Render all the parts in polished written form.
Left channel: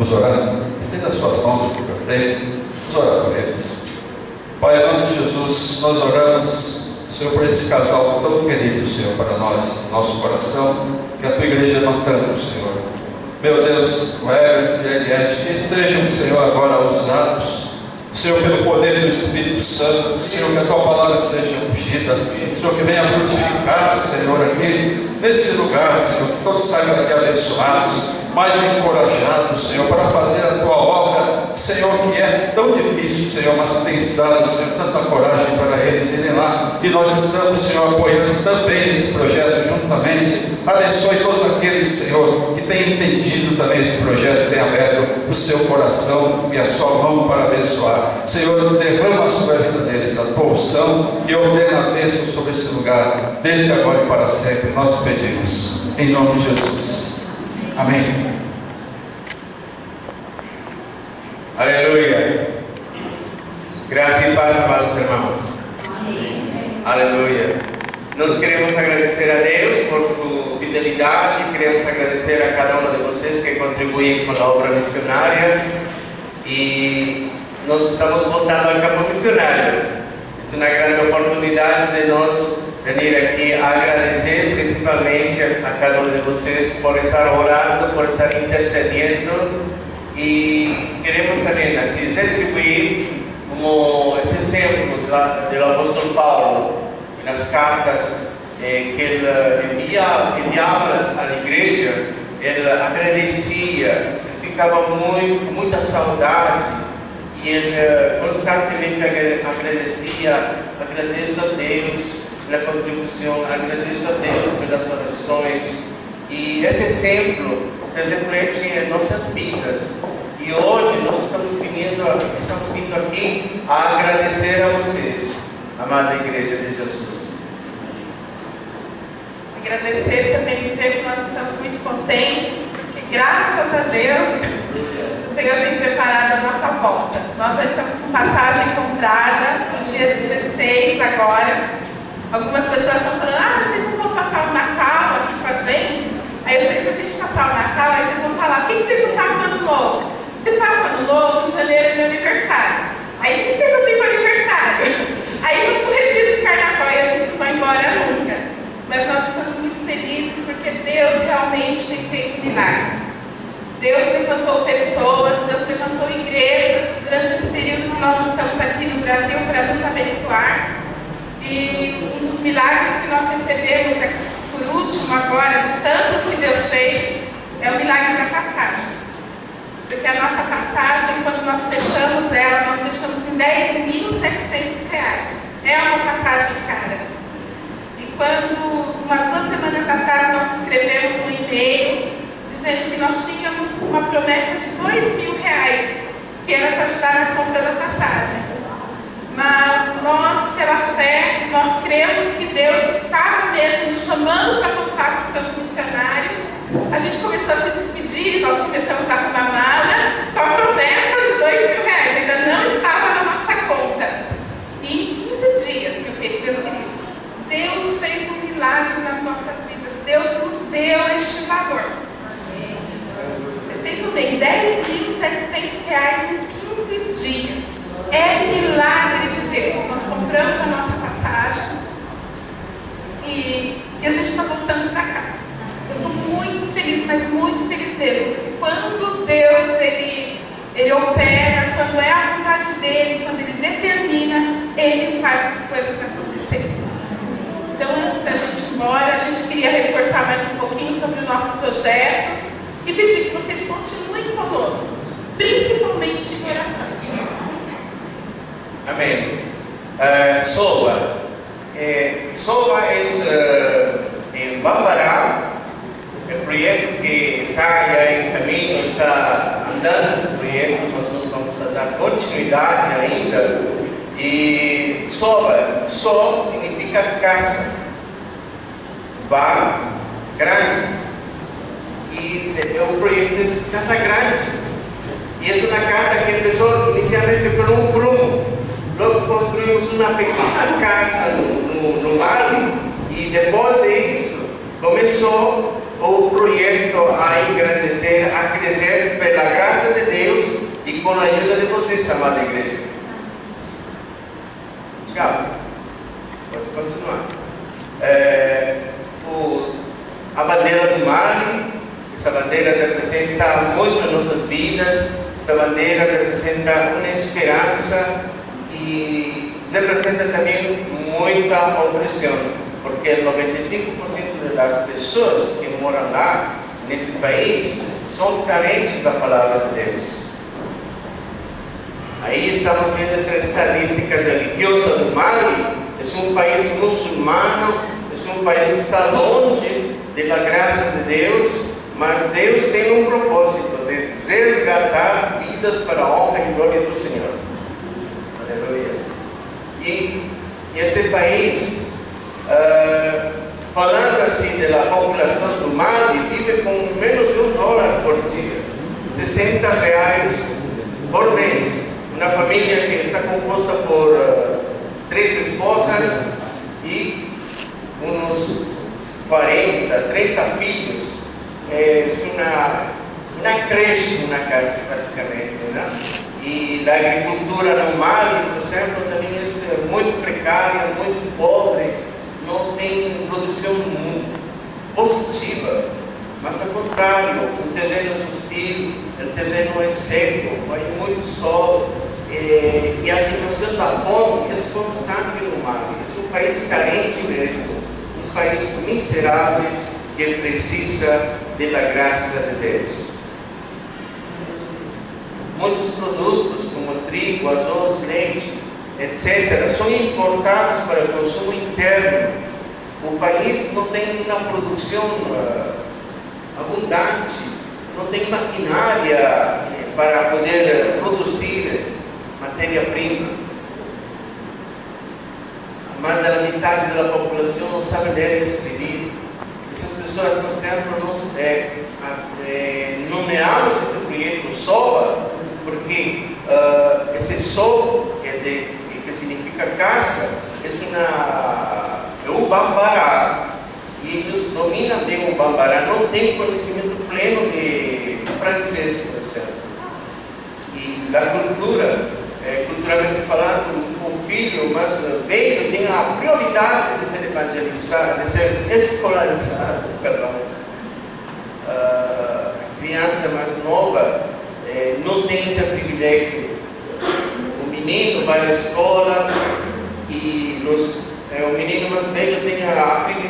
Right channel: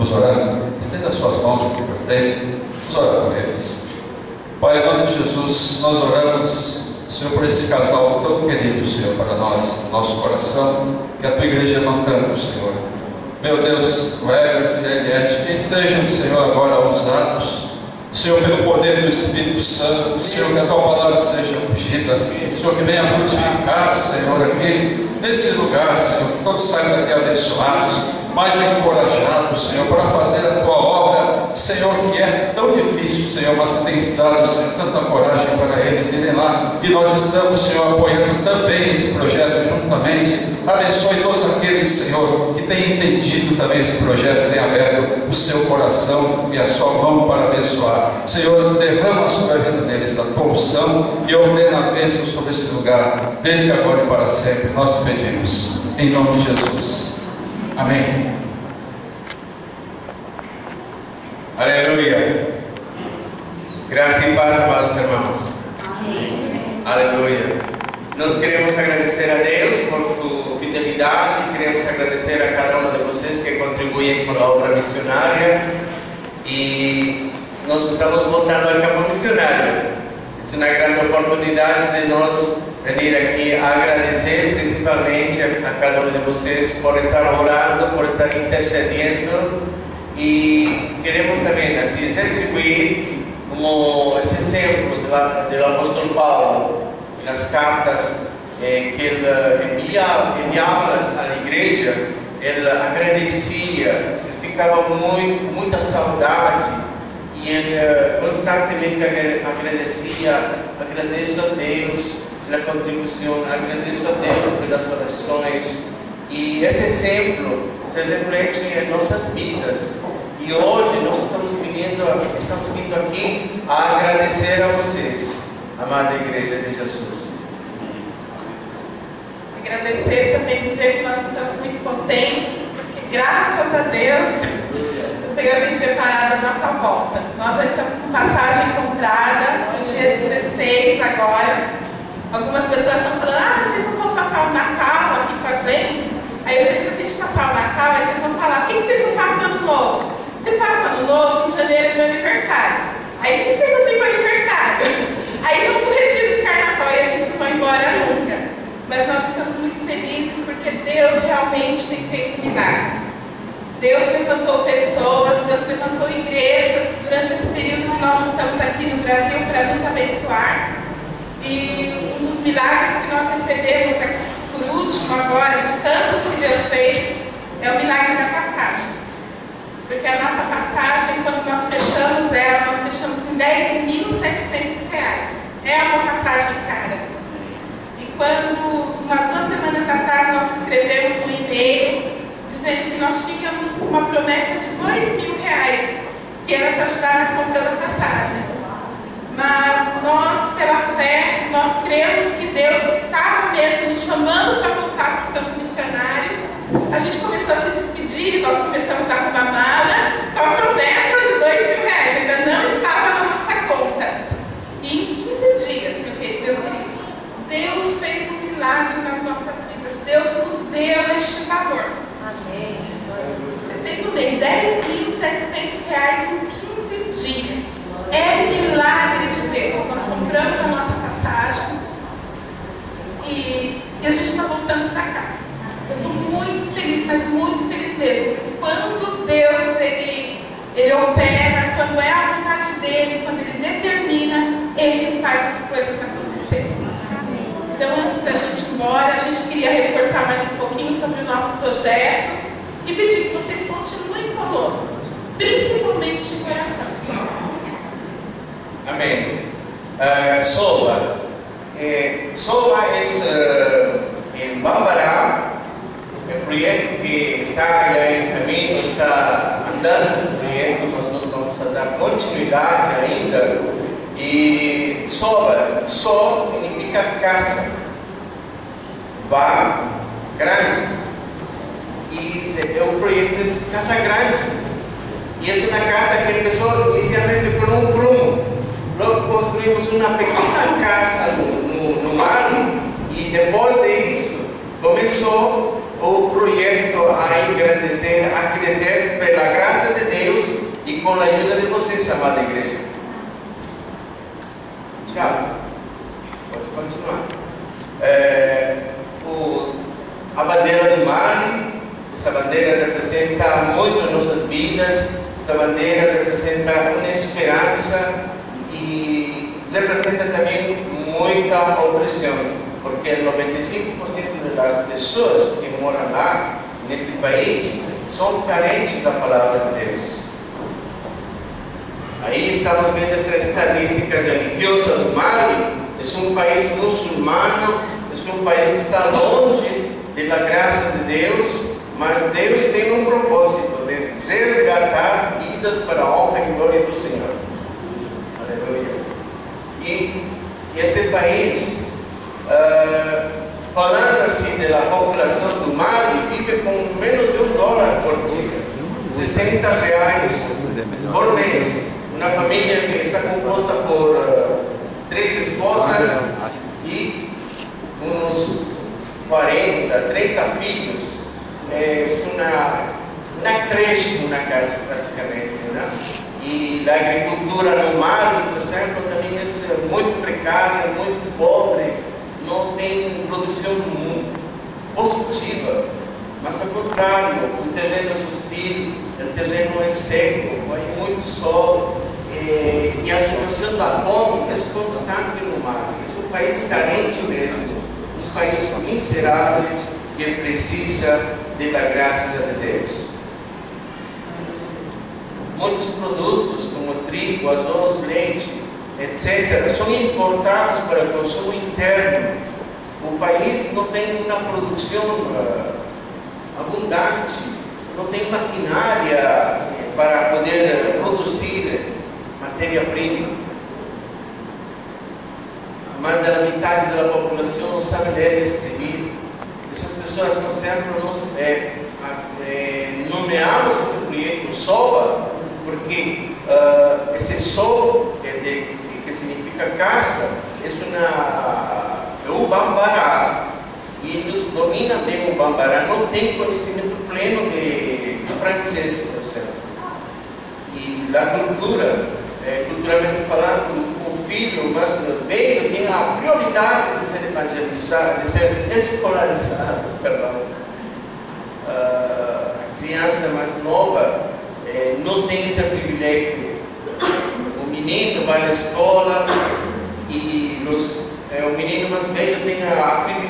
Vamos orar? Estenda as suas mãos aqui para frente. Vamos orar por eles. Pai, em nome de Jesus, nós oramos, Senhor, por esse casal tão querido, Senhor, para nós, no nosso coração, que a tua igreja ama tanto, Senhor. Meu Deus, o Everest e a Eliette, que sejam, Senhor, agora usados, Senhor, pelo poder do Espírito Santo, Senhor, que a tua palavra seja ungida, Senhor, que venha frutificar, Senhor, aqui nesse lugar, Senhor, que todos saiam daqui abençoados, mais encorajados, Senhor, para fazer a tua obra, Senhor, que é tão difícil, Senhor, mas que tens dado, Senhor, tanta coragem para eles irem lá, e nós estamos, Senhor, apoiando também esse projeto juntamente. Abençoe todos aqueles, Senhor, que têm entendido também esse projeto, têm aberto o seu coração e a sua mão para abençoar. Senhor, derrama sobre a vida deles a tua unção e ordena a bênção sobre esse lugar, desde agora e para sempre. Nós te pedimos, em nome de Jesus. Amém. Aleluia. Graça e paz, amados irmãos. Amém. Aleluia. Nós queremos agradecer a Deus por sua fidelidade, queremos agradecer a cada um de vocês que contribuem com a obra missionária, e nós estamos voltando ao campo missionário. É uma grande oportunidade de nós vir aqui a agradecer principalmente a cada um de vocês por estar orando, por estar intercedendo, e queremos também assim retribuir como esse exemplo do apóstolo Paulo nas cartas que ele enviava à igreja. Ele agradecia, ele ficava com muita saudade, e ele constantemente agradecia. Agradeço a Deus pela contribuição, agradeço a Deus pelas orações, e esse exemplo se reflete em nossas vidas. E hoje nós estamos vindo aqui a agradecer a vocês, amada Igreja de Jesus. Agradecer também, dizer que nós estamos muito contentes, porque graças a Deus o Senhor tem preparado a nossa volta. Nós já estamos com passagem comprada no dia 16 agora. Algumas pessoas estão falando: vocês não vão passar o Natal aqui com a gente? Aí eu falei: se a gente passar o Natal, aí vocês vão falar: por que vocês não passam Ano Novo? Você passa Ano Novo, em janeiro é meu aniversário. Aí por que vocês não têm meu aniversário? Aí vamos pro retiro de carnaval e a gente não vai embora nunca. Mas nós estamos muito felizes porque Deus realmente tem feito milagres. Deus levantou pessoas, Deus levantou igrejas durante esse período que nós estamos aqui no Brasil para nos abençoar. E um dos milagres que nós recebemos aqui, por último agora, de tantos que Deus fez, é o milagre da passagem. Porque a nossa passagem, quando nós fechamos ela, nós fechamos em R$10.700. É uma passagem cara. E quando, umas 2 semanas atrás, nós escrevemos um e-mail dizendo que nós tínhamos uma promessa de R$2.000, que era para ajudar na compra da passagem. Mas nós, pela fé, nós cremos que Deus estava mesmo nos chamando para voltar para o campo missionário. A gente começou a se despedir, nós começamos a arrumar mala com a promessa de R$2.000, ainda não estava na nossa conta. E em 15 dias, meus queridos, Deus fez um milagre nas nossas vidas. Deus nos deu este valor. Amém. Vocês pensam bem, R$10.700 em 15 dias. É milagre de Deus. Nós compramos a nossa passagem e a gente está voltando para cá. Eu estou muito feliz, mas muito feliz mesmo. Quando Deus ele opera, quando é a vontade dele, quando ele determina, ele faz as coisas acontecerem. Então, antes da gente ir embora, a gente queria reforçar mais um pouquinho sobre o nosso projeto e pedir que vocês continuem conosco, principalmente de coração. Amém. SOVA. SOVA é em Bambará, o projeto que está em caminho, está andando este projeto, mas nós vamos a dar continuidade ainda. E SOVA, só significa casa, bar grande, e é um projeto de casa grande, e é uma casa que começou inicialmente por um prumo. Logo construímos uma pequena casa no mar, e depois disso começou o projeto a engrandecer, a crescer pela graça de e com a ajuda de vocês, amada igreja. Tchau. Pode continuar. A bandeira do Mali, essa bandeira representa muito as nossas vidas. Esta bandeira representa uma esperança e representa também muita opressão, porque 95% das pessoas que moram lá, neste país, são carentes da palavra de Deus. Aí estamos vendo essas estatísticas religiosas do Mali. É um país muçulmano, é um país que está longe da graça de Deus, mas Deus tem um propósito de resgatar vidas para a honra e glória do Senhor. Aleluia. E este país, falando assim da população do Mali, vive com menos de $1 por dia, R$60 por mês. Uma família que está composta por 3 esposas e uns 40, 30 filhos. É uma creche na casa praticamente, né? E a agricultura no Mali, por exemplo, também é muito precária, muito pobre, não tem produção positiva, mas ao contrário, o terreno é hostil, o terreno é seco, há muito sol, e a situação da fome é constante no Mali. É um país carente mesmo, um país miserável que precisa da graça de Deus. Muitos produtos como trigo, arroz, leite, etc., são importados para o consumo interno. O país não tem uma produção abundante, não tem maquinária para poder produzir matéria-prima. Mais da metade da população não sabe ler e escrever. Essas pessoas, por exemplo, nomeamos esse projeto SOBA, porque esse SOB, que significa casa, é o Bambará. E eles dominam bem o Bambará, não têm conhecimento pleno de francês, por exemplo. E da cultura, culturalmente falando, o filho mais velho tem a prioridade de ser evangelizado, de ser escolarizado, perdão. A criança mais nova não tem esse privilégio. O menino vai na escola e o menino mais velho tem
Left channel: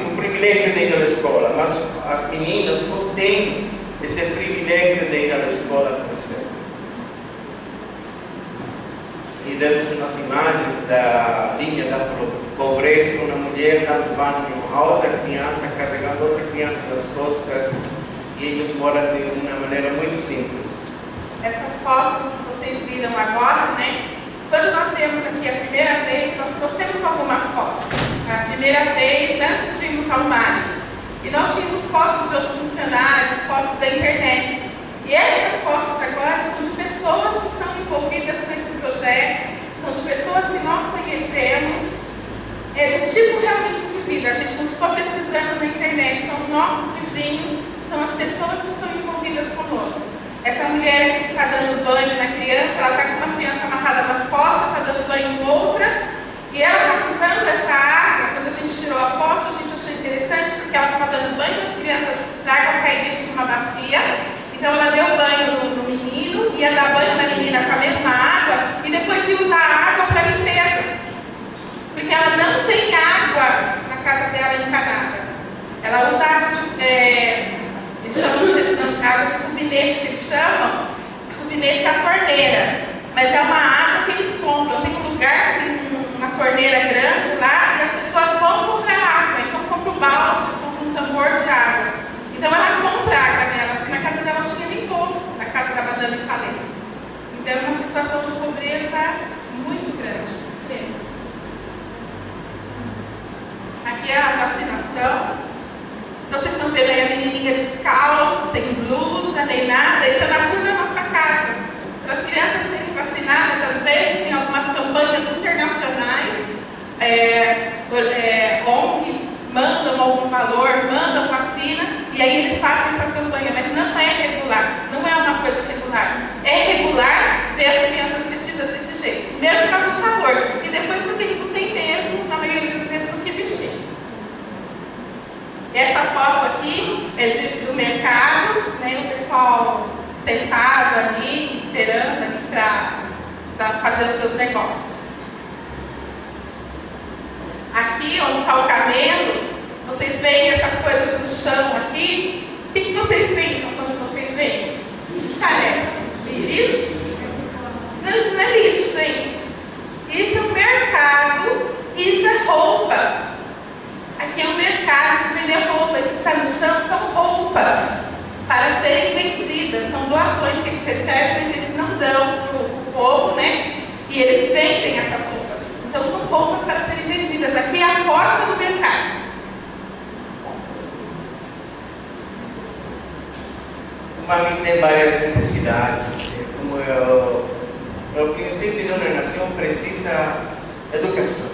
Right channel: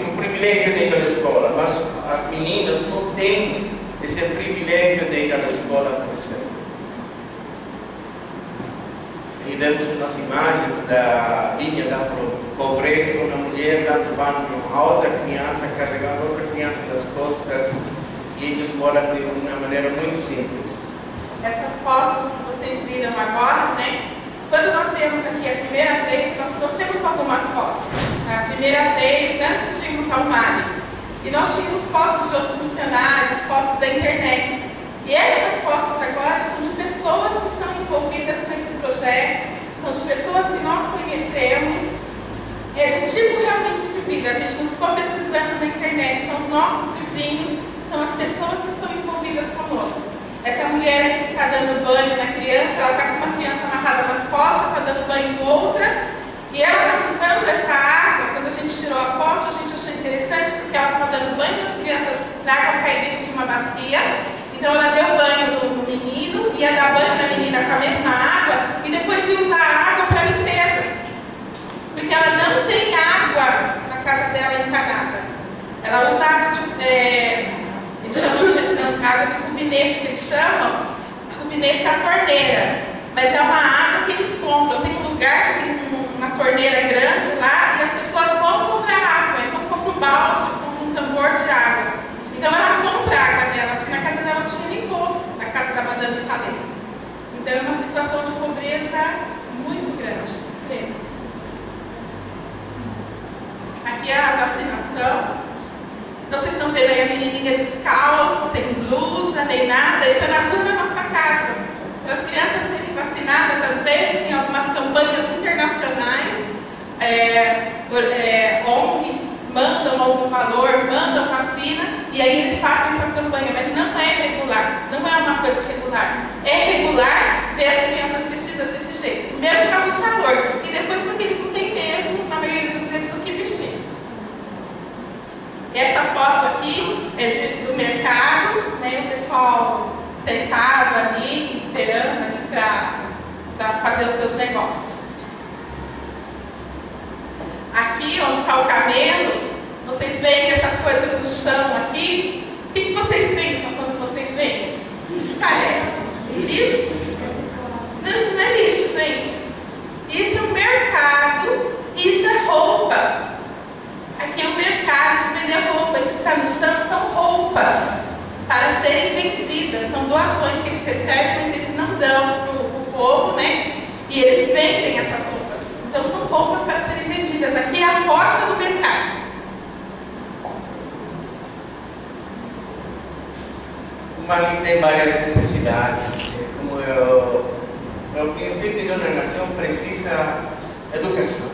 o privilégio de ir à escola, mas as meninas não têm esse privilégio de ir à escola, por exemplo. E vemos umas imagens da linha da pobreza, uma mulher dando banho a outra criança, carregando outra criança nas costas, e eles moram de uma maneira muito simples. Essas fotos que vocês viram agora, né? Quando nós viemos aqui a primeira vez, nós trouxemos algumas fotos. A primeira vez, antes de irmos ao Mali, e nós tínhamos fotos de outros missionários, fotos da internet. E essas fotos agora são de pessoas que estão envolvidas nesse projeto, são de pessoas que nós conhecemos, do tipo realmente de vida. A gente não ficou pesquisando na internet, são os nossos vizinhos, são as pessoas que estão envolvidas conosco. Essa mulher aqui que está dando banho na criança, ela está com uma criança amarrada nas costas, está dando banho em outra, e ela está usando essa água. Quando a gente tirou a foto, a gente achou interessante, porque ela estava dando banho nas crianças para a água cair dentro de uma bacia. Então ela deu banho no menino, ia dar banho na menina com a mesma água e depois ia usar a água para limpeza. Porque ela não tem água na casa dela encanada. Ela usa água de, eles chamam de água de cubinete, que eles chamam. Cubinete é a torneira. Mas é uma água que eles compram. Tem um lugar que tem uma torneira grande lá e as pessoas vão comprar água. Então compra um balde, compra um tambor de água. Então ela compra a água dela, porque na casa dela não tinha nem poço, na casa da Madame Palais. Então é uma situação de pobreza muito grande, extrema. Aqui é a vacinação. Então vocês estão vendo aí a menininha descalço, sem blusa, nem nada. Isso é na rua da nossa casa. Para as crianças serem vacinadas, às vezes tem algumas campanhas internacionais, ONGs mandam algum valor, mandam vacina, e aí eles fazem essa campanha, mas não é regular, não é uma coisa regular. É regular ver foto aqui é do mercado, né? O pessoal sentado ali, esperando ali para fazer os seus negócios. Aqui onde está o camelo, vocês veem essas coisas no chão aqui? O que vocês pensam quando vocês veem isso? O que parece? Lixo? Não, isso não é lixo, gente. Isso é um mercado, isso é roupa. Aqui é um mercado de vender roupa. Isso que está no chão são roupas para serem vendidas. São doações que eles recebem, mas eles não dão para o povo, né? E eles vendem essas roupas. Então são roupas para serem vendidas. Aqui é a porta do mercado. O Mali tem várias necessidades. Como o princípio de uma nação precisa educação.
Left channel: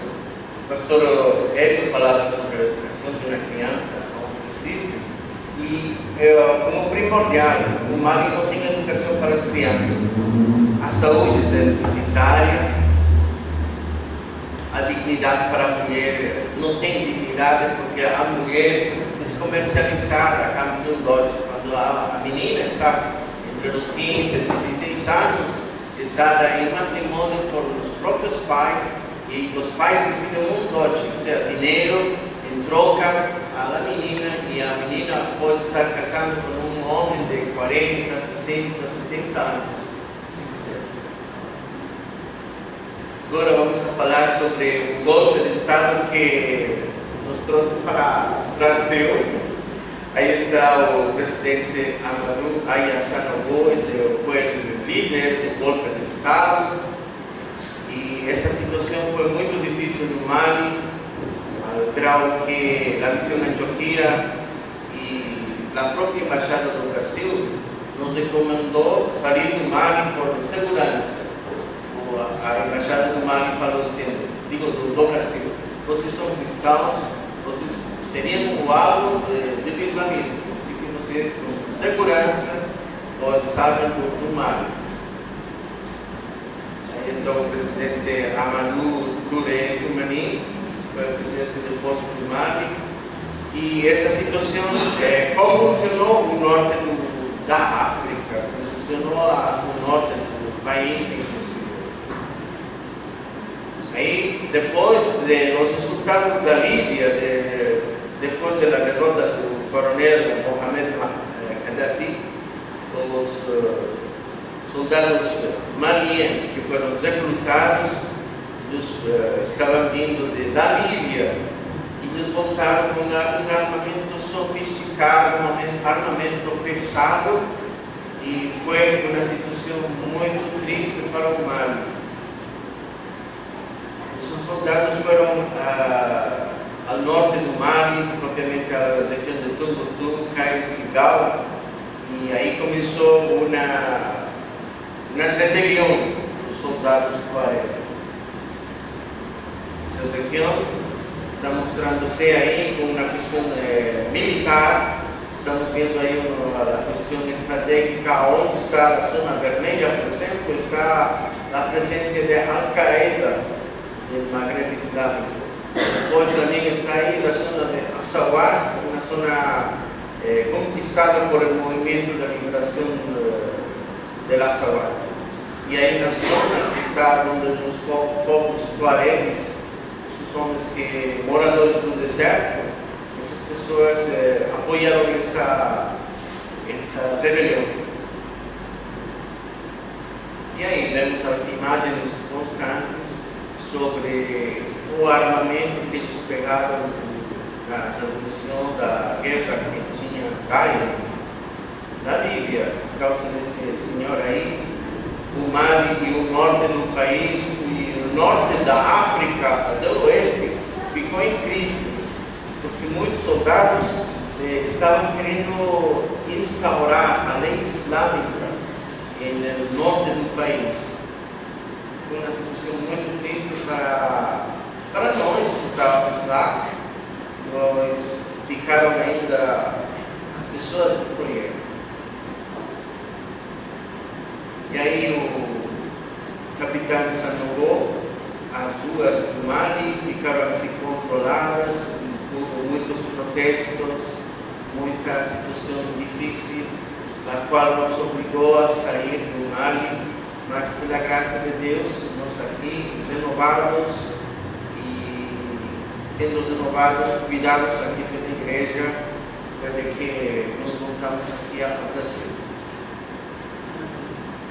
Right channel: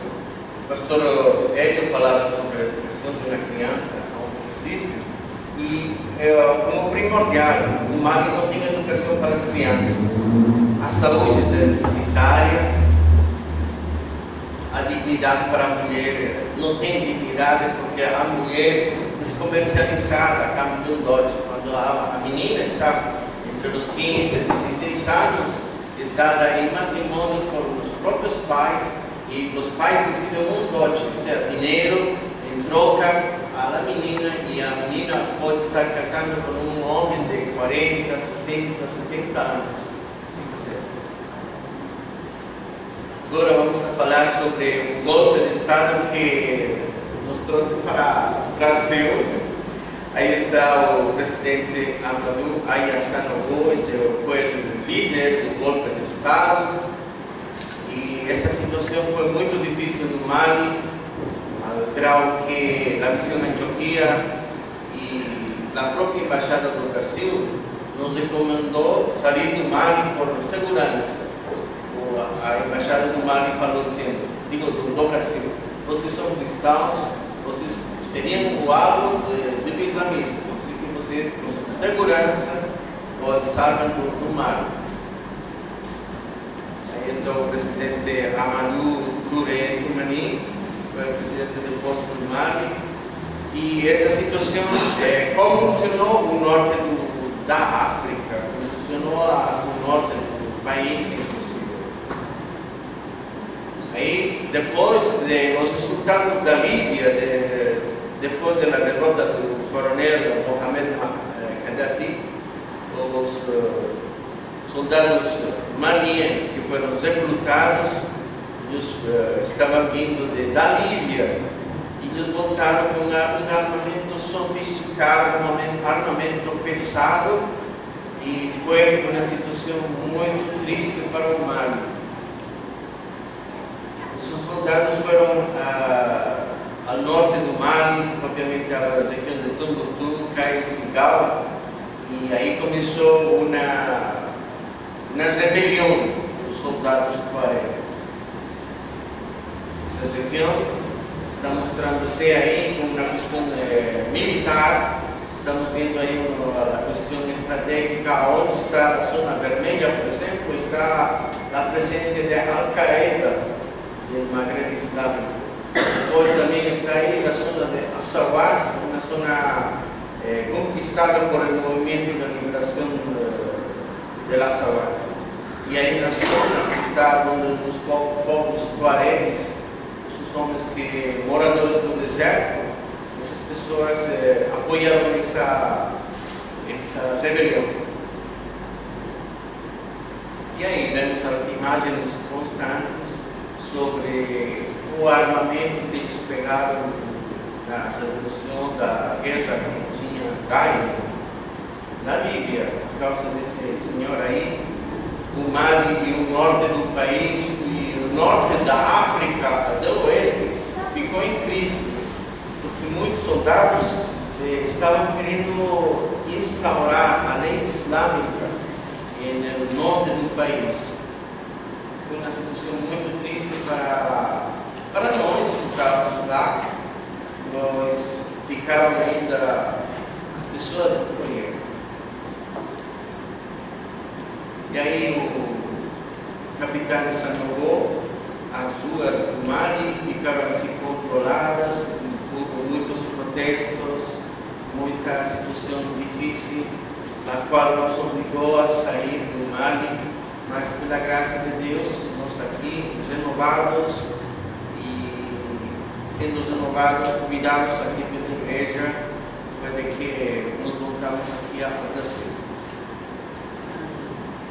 O pastor Hélio falava sobre a educação de uma criança ao princípio, e como primordial, o Mali não tem educação para as crianças. A saúde deficitária, a dignidade para a mulher, não tem dignidade porque a mulher descomercializada a cambio de um dote. Quando a menina está entre os 15 e 16 anos, é dada em matrimônio por os próprios pais, e os pais recebem um dote, ou seja, dinheiro em troca à menina, e a menina pode estar casando com um homem de 40, 60, 70 anos, se quiser. Agora vamos falar sobre o golpe de Estado que nos trouxe para o Brasil. Aí está o presidente Amadou Ayasanogo, esse foi o líder do golpe de Estado. E essa situação foi muito difícil no Mali, ao grau que a missão Antioquia e a própria embaixada do Brasil nos recomendou sair do Mali por segurança. A embaixada do Mali falou dizendo, do Brasil, vocês são cristãos, vocês seriam o alvo do islamismo, assim que vocês, com segurança, salvam do Mali. Esse é o presidente Amadou Touré Toumani, foi o presidente do posto do Mali, e essa situação convulsionou o norte da África, convulsionou o norte do país, inclusive. Aí, depois dos resultados da Líbia, depois da derrota do coronel Mohamed Gaddafi, os soldados malienses que foram recrutados estavam vindo da Líbia e eles voltaram com um armamento sofisticado, um armamento pesado, e foi uma situação muito triste para o Mali. Esses soldados foram ao norte do Mali, propriamente à região de Tombouctou, Cai-Sigal, e aí começou uma rebelião dos soldados tuaregas. Essa região está mostrando-se aí como uma questão militar. Estamos vendo aí a questão estratégica, onde está a zona vermelha, por exemplo, está a presença de Al-Qaeda no Maghreb Islâmico. Depois também está aí a zona de Assawat, uma zona conquistada por o movimento da liberação de Assawat. E aí na zona que está onde os povos tuaregues, os homens moradores do deserto, essas pessoas apoiaram essa rebelião. E aí vemos imagens constantes sobre o armamento que eles pegaram na revolução da guerra que tinha na Líbia, por causa desse senhor aí. O Mali e o norte do país e o norte da África do oeste ficou em crise, porque muitos soldados estavam querendo instaurar a lei islâmica no norte do país. Foi uma situação muito triste para nós que estávamos lá. Nós ficaram ainda as pessoas do projeto. E aí o capitão Sanogo, as ruas do Mali ficaram assim controladas, houve muitos protestos, crise, a qual nos obrigou a sair do Mali, mas pela graça de Deus, nós aqui renovados e sendo renovados, cuidados aqui pela igreja, foi de que nos voltamos aqui ao Brasil.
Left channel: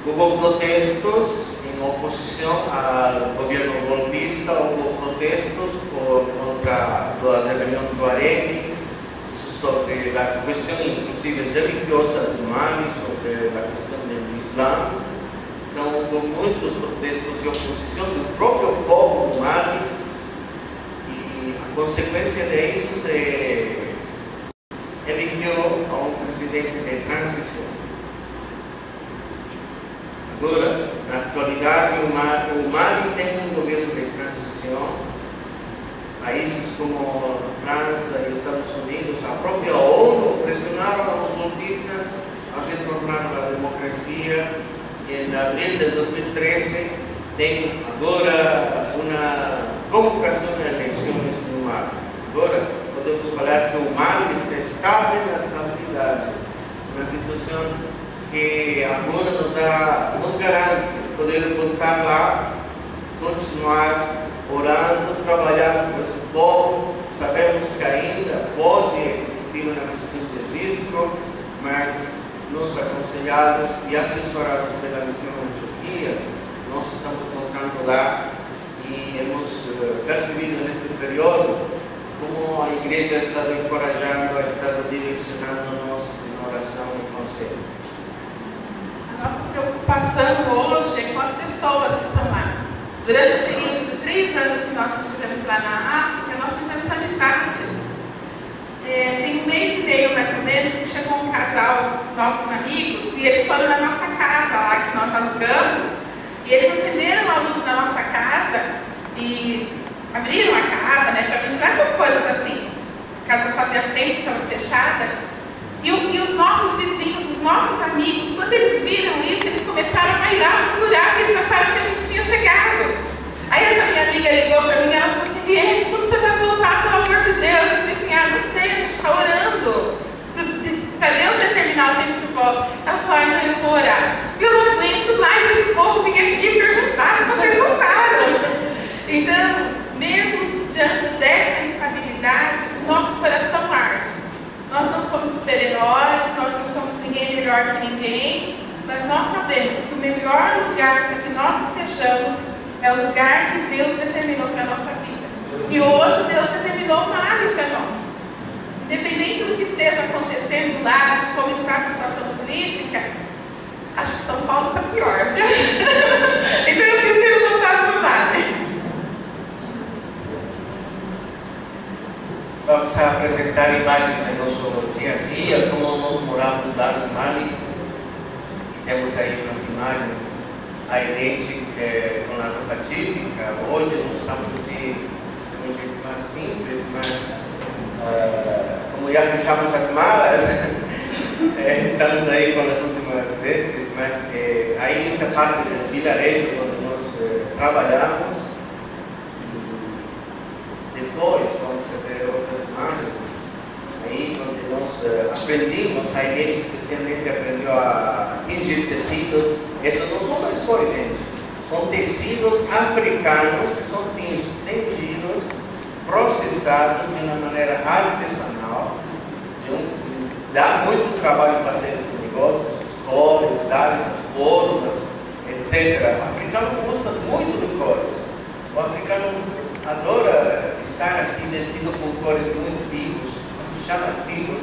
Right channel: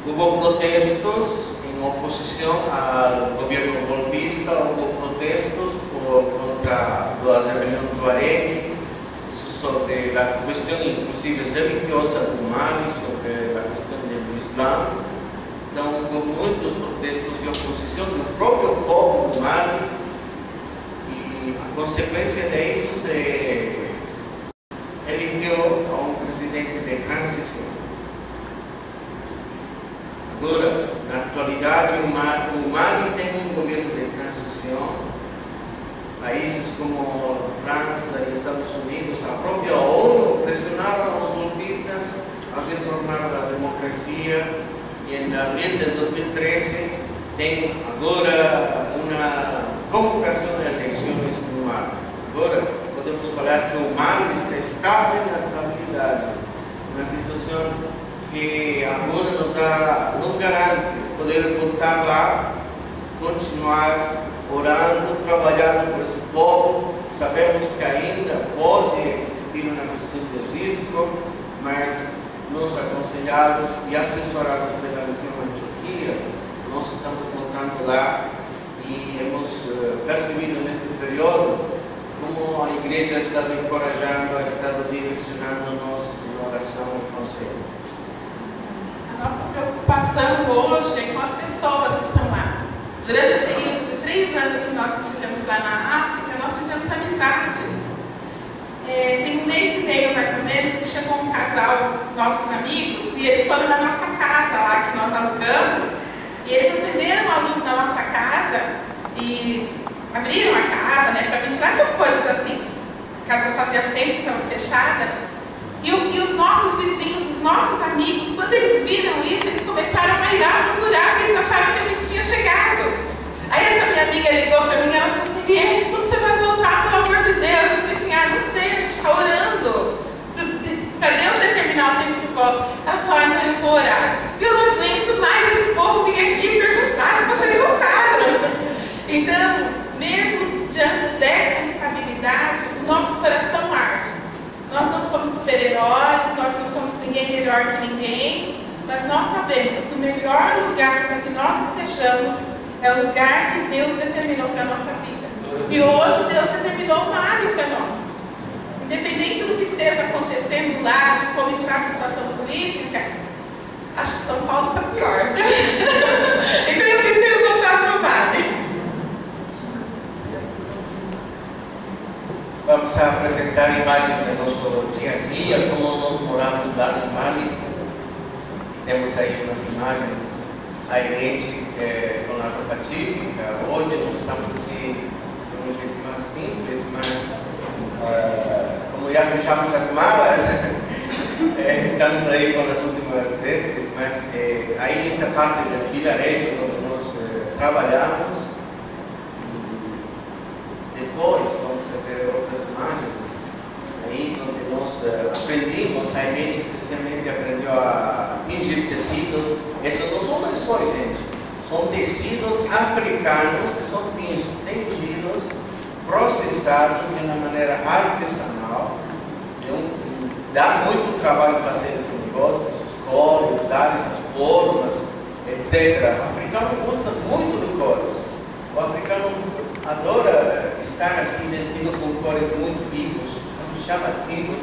Houve protestos em oposição ao governo golpista, houve protestos contra a rebelião do Tuareg, sobre a questão inclusive religiosa do Mali, sobre a questão do Islã. Então, houve muitos protestos de oposição do próprio povo do Mali, e a consequência disso se elegeu a um presidente de transição. Agora, na atualidade, o Mali tem um governo de transição. Países como a França e Estados Unidos, a própria ONU, pressionaram os golpistas a retornar à democracia, e em abril de 2013 tem agora uma convocação de eleições no Mali. Agora podemos falar que o Mali está estável na estabilidade, uma situação que agora nos garante poder voltar lá, continuar orando, trabalhando por esse povo. Sabemos que ainda pode existir uma questão de risco, mas nós aconselhados e assessorados pela missão da Antioquia, nós estamos voltando lá e hemos percebido neste período como a igreja está encorajando, está direcionando-nos em oração e conselho. A nossa preocupação hoje é com as pessoas que estão lá. Durante o período de 3 anos que nós estivemos lá na África, nós fizemos amizade. Tem 1 mês e meio, mais ou menos, que chegou um casal, nossos amigos, e eles foram na nossa casa lá que nós alugamos, e eles acenderam a luz na nossa casa e abriram a casa, né, para ventilar essas coisas assim. A casa fazia tempo que estava fechada. E os nossos vizinhos, os nossos amigos, quando eles viram isso, eles começaram a bailar, a murmurar, porque eles acharam que a gente tinha chegado. Aí essa minha amiga ligou para mim e ela falou assim: Riete, quando você vai voltar, pelo amor de Deus? Eu falei assim: não sei, a gente está orando para Deus determinar o tempo de volta. Ela falou: não, eu vou orar. Eu não aguento mais esse povo vir aqui perguntar se vocês voltaram. Então, mesmo diante dessa instabilidade, o nosso coração arde. Nós não somos super-heróis, nós não somos ninguém melhor que ninguém, mas nós sabemos que o melhor lugar para que nós estejamos é o lugar que Deus determinou para a nossa vida. E hoje Deus determinou o Mali para nós. Independente do que esteja acontecendo lá, de como está a situação política, acho que São Paulo está pior. Então eu prefiro voltar para o Mali. Vamos a apresentar imagens do nosso dia a dia, como nós moramos lá no Mali. Temos aí umas imagens, a Irete com a roupa típica. Hoje nós estamos assim, de um jeito mais simples, mas como já fechamos as malas, estamos aí com as últimas vestes, mas aí essa parte do vilarejo onde nós trabalhamos. Depois vamos ver outras imagens, aí onde nós aprendemos, a Irete especialmente aprendeu a tingir tecidos. Essas não são lençóis, gente, são tecidos africanos que são tingidos, processados de uma maneira artesanal. Dá muito trabalho fazer esse negócio, as cores, dar essas formas, etc. O africano gosta muito de cores. O africano adora estar assim vestido com cores muito vivas, chamativos,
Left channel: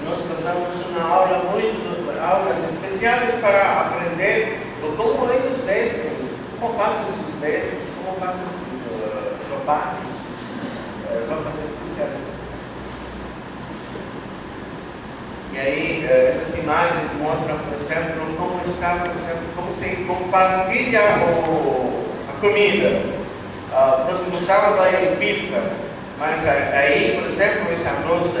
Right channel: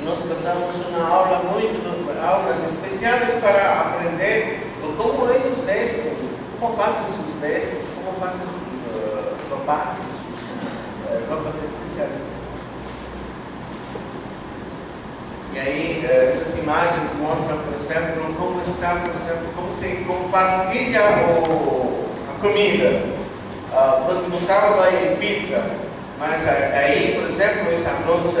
e nós passamos uma aula aulas especiais para aprender como eles vestem, como fazem suas vestes, como fazem os roupas especiais. E aí essas imagens mostram, por exemplo, como está, por exemplo, como se compartilha a comida. Próximo sábado aí pizza, mas aí, por exemplo, esse arroz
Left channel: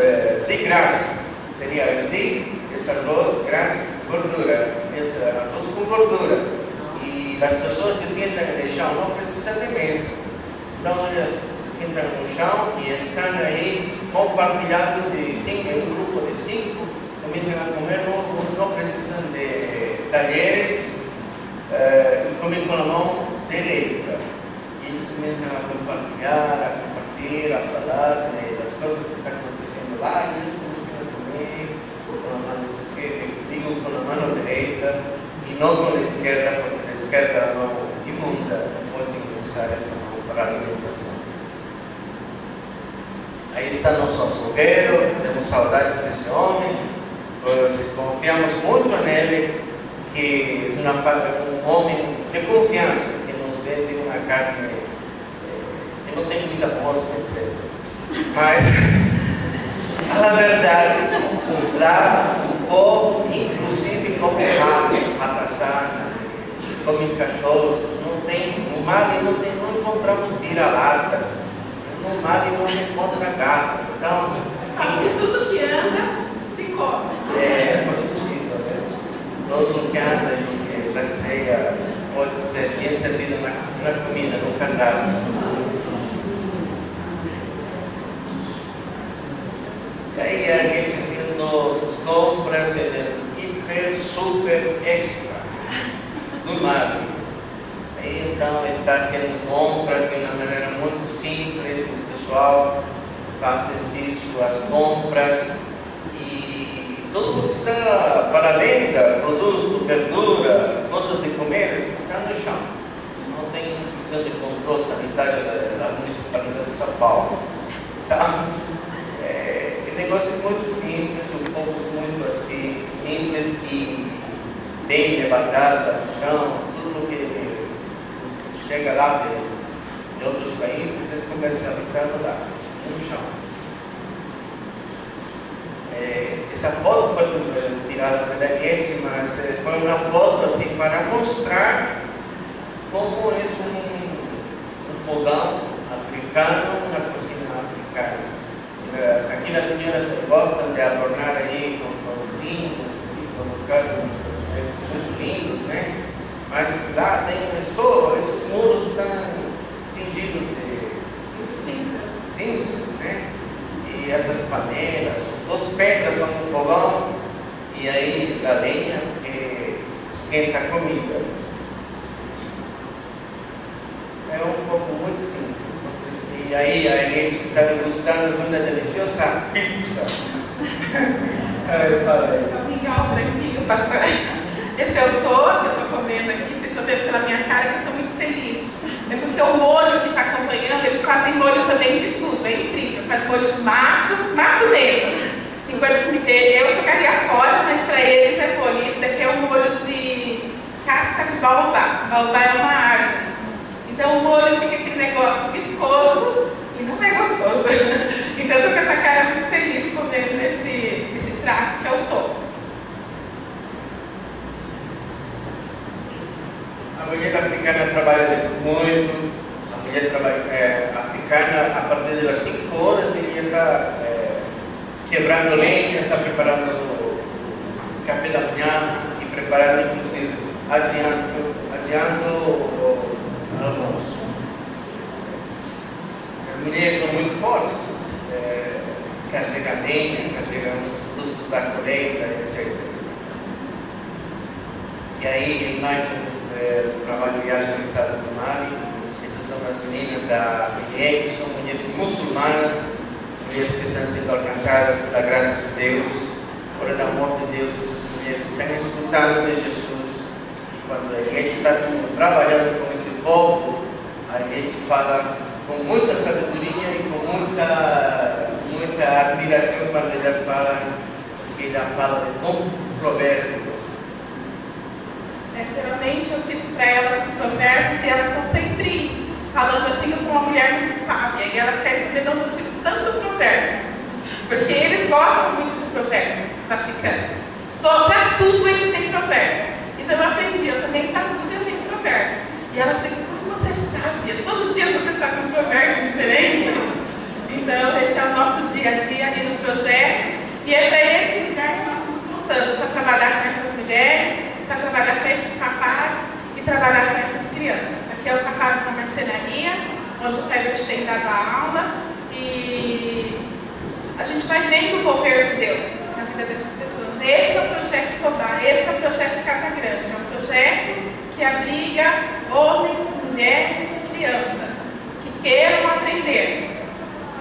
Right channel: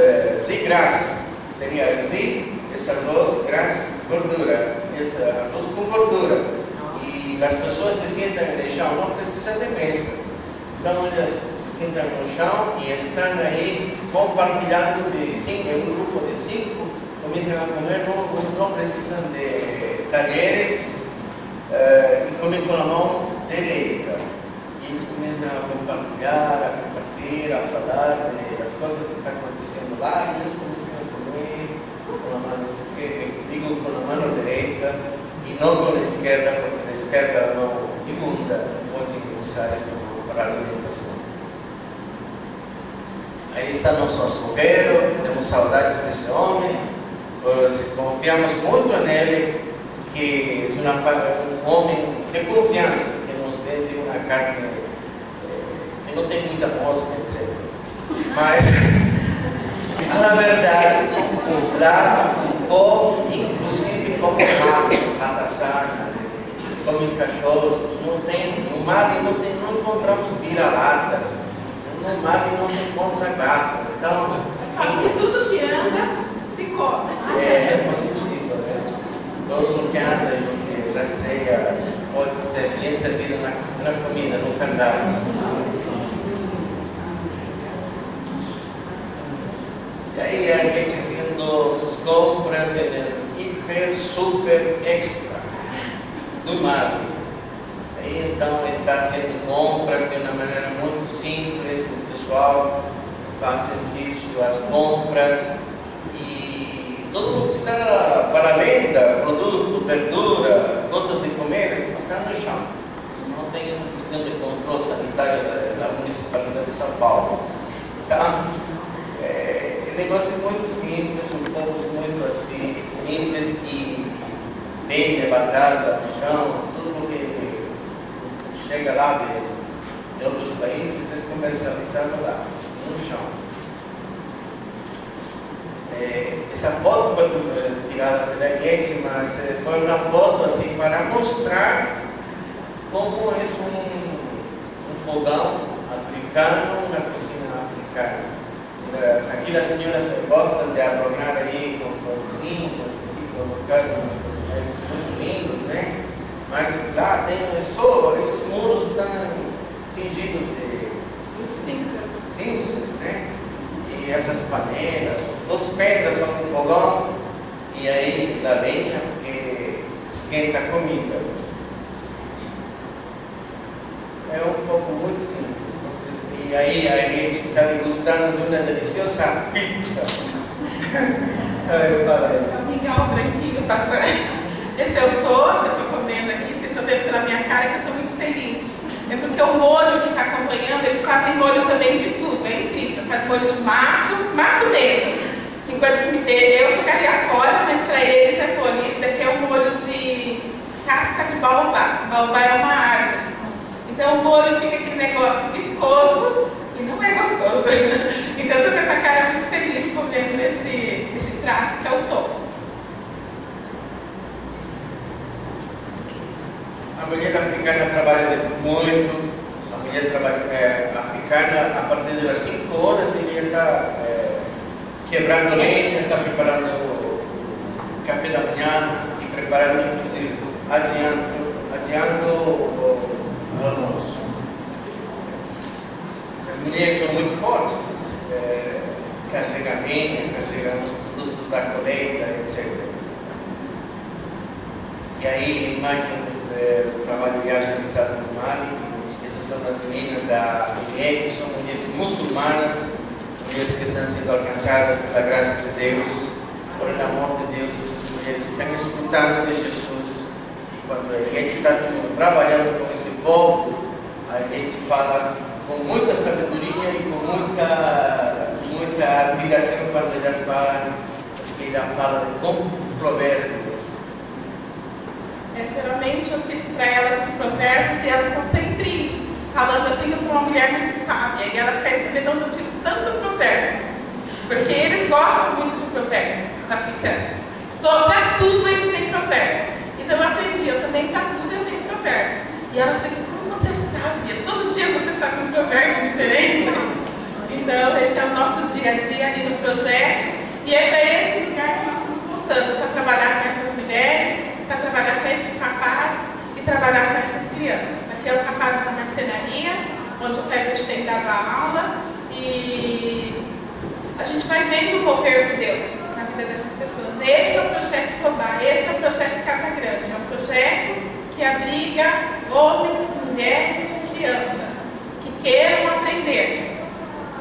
de gras, seria assim, esse arroz gras, gordura, esse arroz com gordura, e as pessoas se sentam no chão, não precisa de mesa, então elas se sentam no chão e estão aí compartilhando em um grupo de 5 começam a comer, não precisam de talheres e comem com a mão direita. E eles começam a compartilhar, a falar das coisas que estão acontecendo lá, e eles começam a comer com a mão esquerda, digo com a mão direita, e não com a esquerda, porque a esquerda é a mão imunda, pode usar esta mão para a alimentação. Aí está nosso açougueiro, temos saudades desse homem, pois confiamos muito nele, que é um homem de confiança, que nos vende uma carne que não tem muita mosca, etc. Mas, na verdade, lá o povo, inclusive, come rato, ratassana, come cachorros, no mar não encontramos vira-latas, no mar não se encontra gato. Então, Sabe, tudo que anda se come. É possível, né? Todo que anda e rastreia pode ser bem servido na comida, no cardápio. E aí a gente fazendo as compras no hiper, super, extra do mar. Aí então está fazendo compras de uma maneira muito simples, o pessoal faz exercício, as compras e tudo que está para venda, produto, verdura, coisas de comer, está no chão. Não tem essa questão de controle sanitário da Municipalidade de São Paulo. Então, o negócio é muito simples, o povo é muito assim, simples e bem levantado no chão, tudo que chega lá de outros países é comercializado lá, no chão. Essa foto foi tirada pela Ariete, mas foi uma foto assim para mostrar como é um fogão africano na cozinha africana. Aqui as senhoras gostam de adornar aí com florzinhas, colocar muito lindos, né? Mas lá tem esses muros estão tingidos de cinzas, né? E essas panelas, as pedras vão no fogão e aí a lenha que esquenta a comida. É um pouco muito simples. E aí a gente está degustando de uma deliciosa pizza. É um mingau branquinho, pastor. Esse é o topo que eu estou comendo aqui. Vocês estão vendo pela minha cara que eu estou muito feliz. É porque o molho que está acompanhando, eles fazem molho também de tudo. É incrível. Faz molho de mato mesmo. Tem coisa que eu jogaria fora, mas para eles é molho. Esse daqui é um molho de casca de baobá. Baobá é uma árvore. Então o molho fica aquele negócio viscoso e não é gostoso. Então eu estou com essa cara muito feliz comendo esse prato que é o topo. A mulher africana trabalha muito. A mulher africana, a partir das 5 horas, ela está quebrando lenha, está preparando o café da manhã e preparando, inclusive, adiando o almoço. Essas mulheres são muito fortes, carregam lenha, carregam os produtos da colheita, etc. E aí, imagens do trabalho realizado no Mali. Essas são as meninas da Ariete, são mulheres muçulmanas, mulheres que estão sendo alcançadas pela graça de Deus, por el amor de Deus. Essas mulheres estão escutando de Jesus. E quando a gente está trabalhando com esse povo, a gente fala com muita sabedoria e com muita admiração quando elas falam, porque ela fala de provérbios. Geralmente eu cito para elas os provérbios e elas estão sempre falando assim, eu sou uma mulher muito sábia, e elas querem saber de onde eu tiro tanto provérbio. Porque eles gostam muito de provérbios, os africanos. Para tudo eles têm provérbio. Então eu aprendi, eu também para tudo eu tenho provérbio. E elas ficam, como você é sábia? Todo dia você sabe um provérbio diferente. Então esse é o nosso dia a dia ali no projeto. E é para esse lugar que nós estamos lutando, para trabalhar com essas mulheres, para trabalhar com esses rapazes e trabalhar com essas crianças. Aqui é os rapazes da marcenaria, onde o Herbert tem dado a aula, e a gente vai vendo o mover de Deus na vida vida dessas pessoas. Esse é o projeto Sobá, esse é o projeto Casa Grande. É um projeto que abriga homens, mulheres e crianças que queiram aprender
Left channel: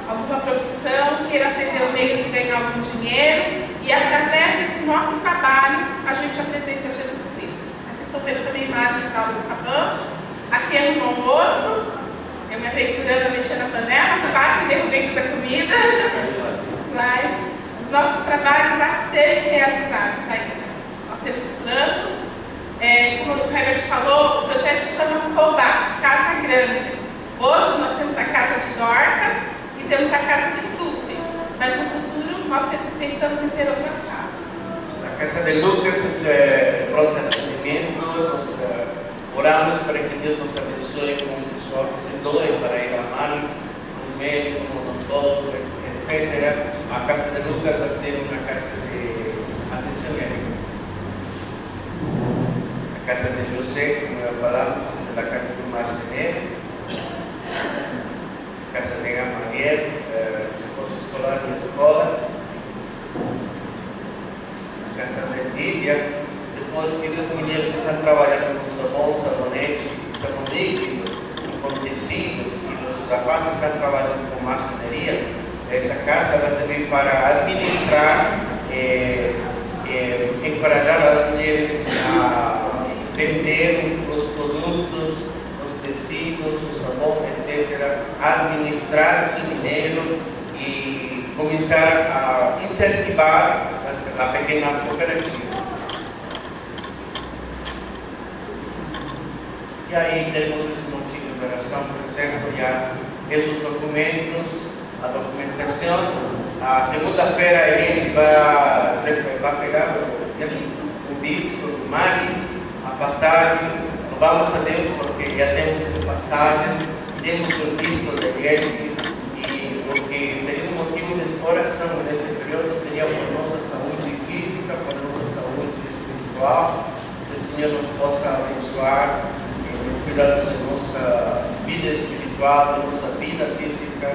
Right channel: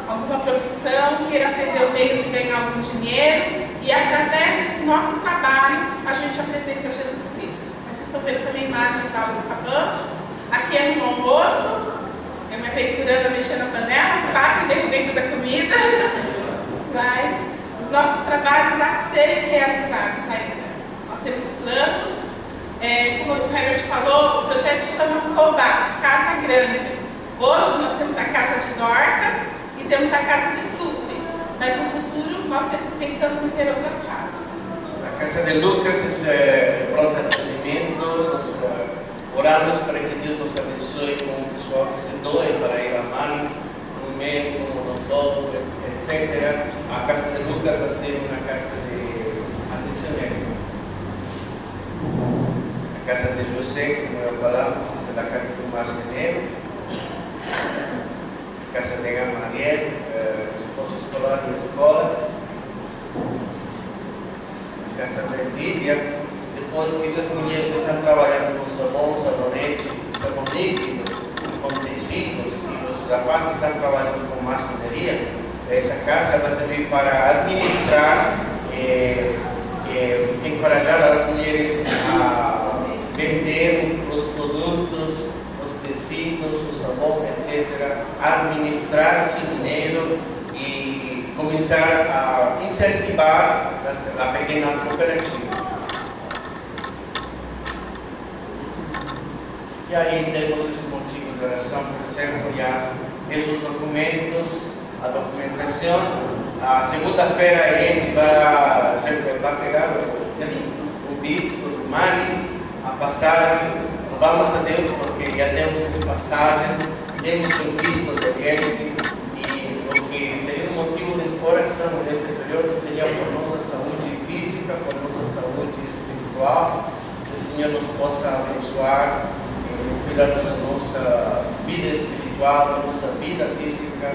alguma profissão, queiram aprender o meio de ganhar algum dinheiro, e através desse nosso trabalho a gente apresenta Jesus Cristo. Vocês estão vendo também imagens da aula de sabão. Aqui é no almoço, eu me aventurando a mexer na panela, quase derrubei toda a comida, mas os nossos trabalhos a serem realizados ainda. Nós temos planos, como o Herbert falou, o projeto chama Sobá, Casa Grande. Hoje nós temos a casa de Dorcas e temos a casa de Sufre, mas no futuro nós pensamos em ter outras casas. A casa de Lucas é pronto atendimento, nós oramos para que Deus nos abençoe com o pessoal que se doe para ir a Mali, um médico, um odontólogo, etc. A casa de Lucas vai ser uma casa de atenção médica. A casa de José, como já falamos, é a casa do marceneiro. A casa de Gamaliel, reforço escolar e escola. A casa de Lídia. Depois que essas mulheres estão trabalhando com sabão, sabonete, sabão líquido, com tecidos, e os rapazes estão trabalhando com marcenaria, essa casa vai servir para administrar e encorajar as mulheres a vender os produtos, os tecidos, o sabão, etc., administrar esse dinheiro e começar a incentivar a pequena cooperativa. E aí temos esse motivo de oração, por exemplo, e esses documentos, a documentação. A segunda-feira a gente vai pegar o bispo do Mali, a passagem. Louvamos a Deus porque já temos essa passagem, temos o visto deles, e o que seria um motivo de exploração neste período seria por nossa saúde física, por nossa saúde espiritual, que o Senhor nos possa abençoar, cuidar da nossa vida espiritual, da nossa vida física,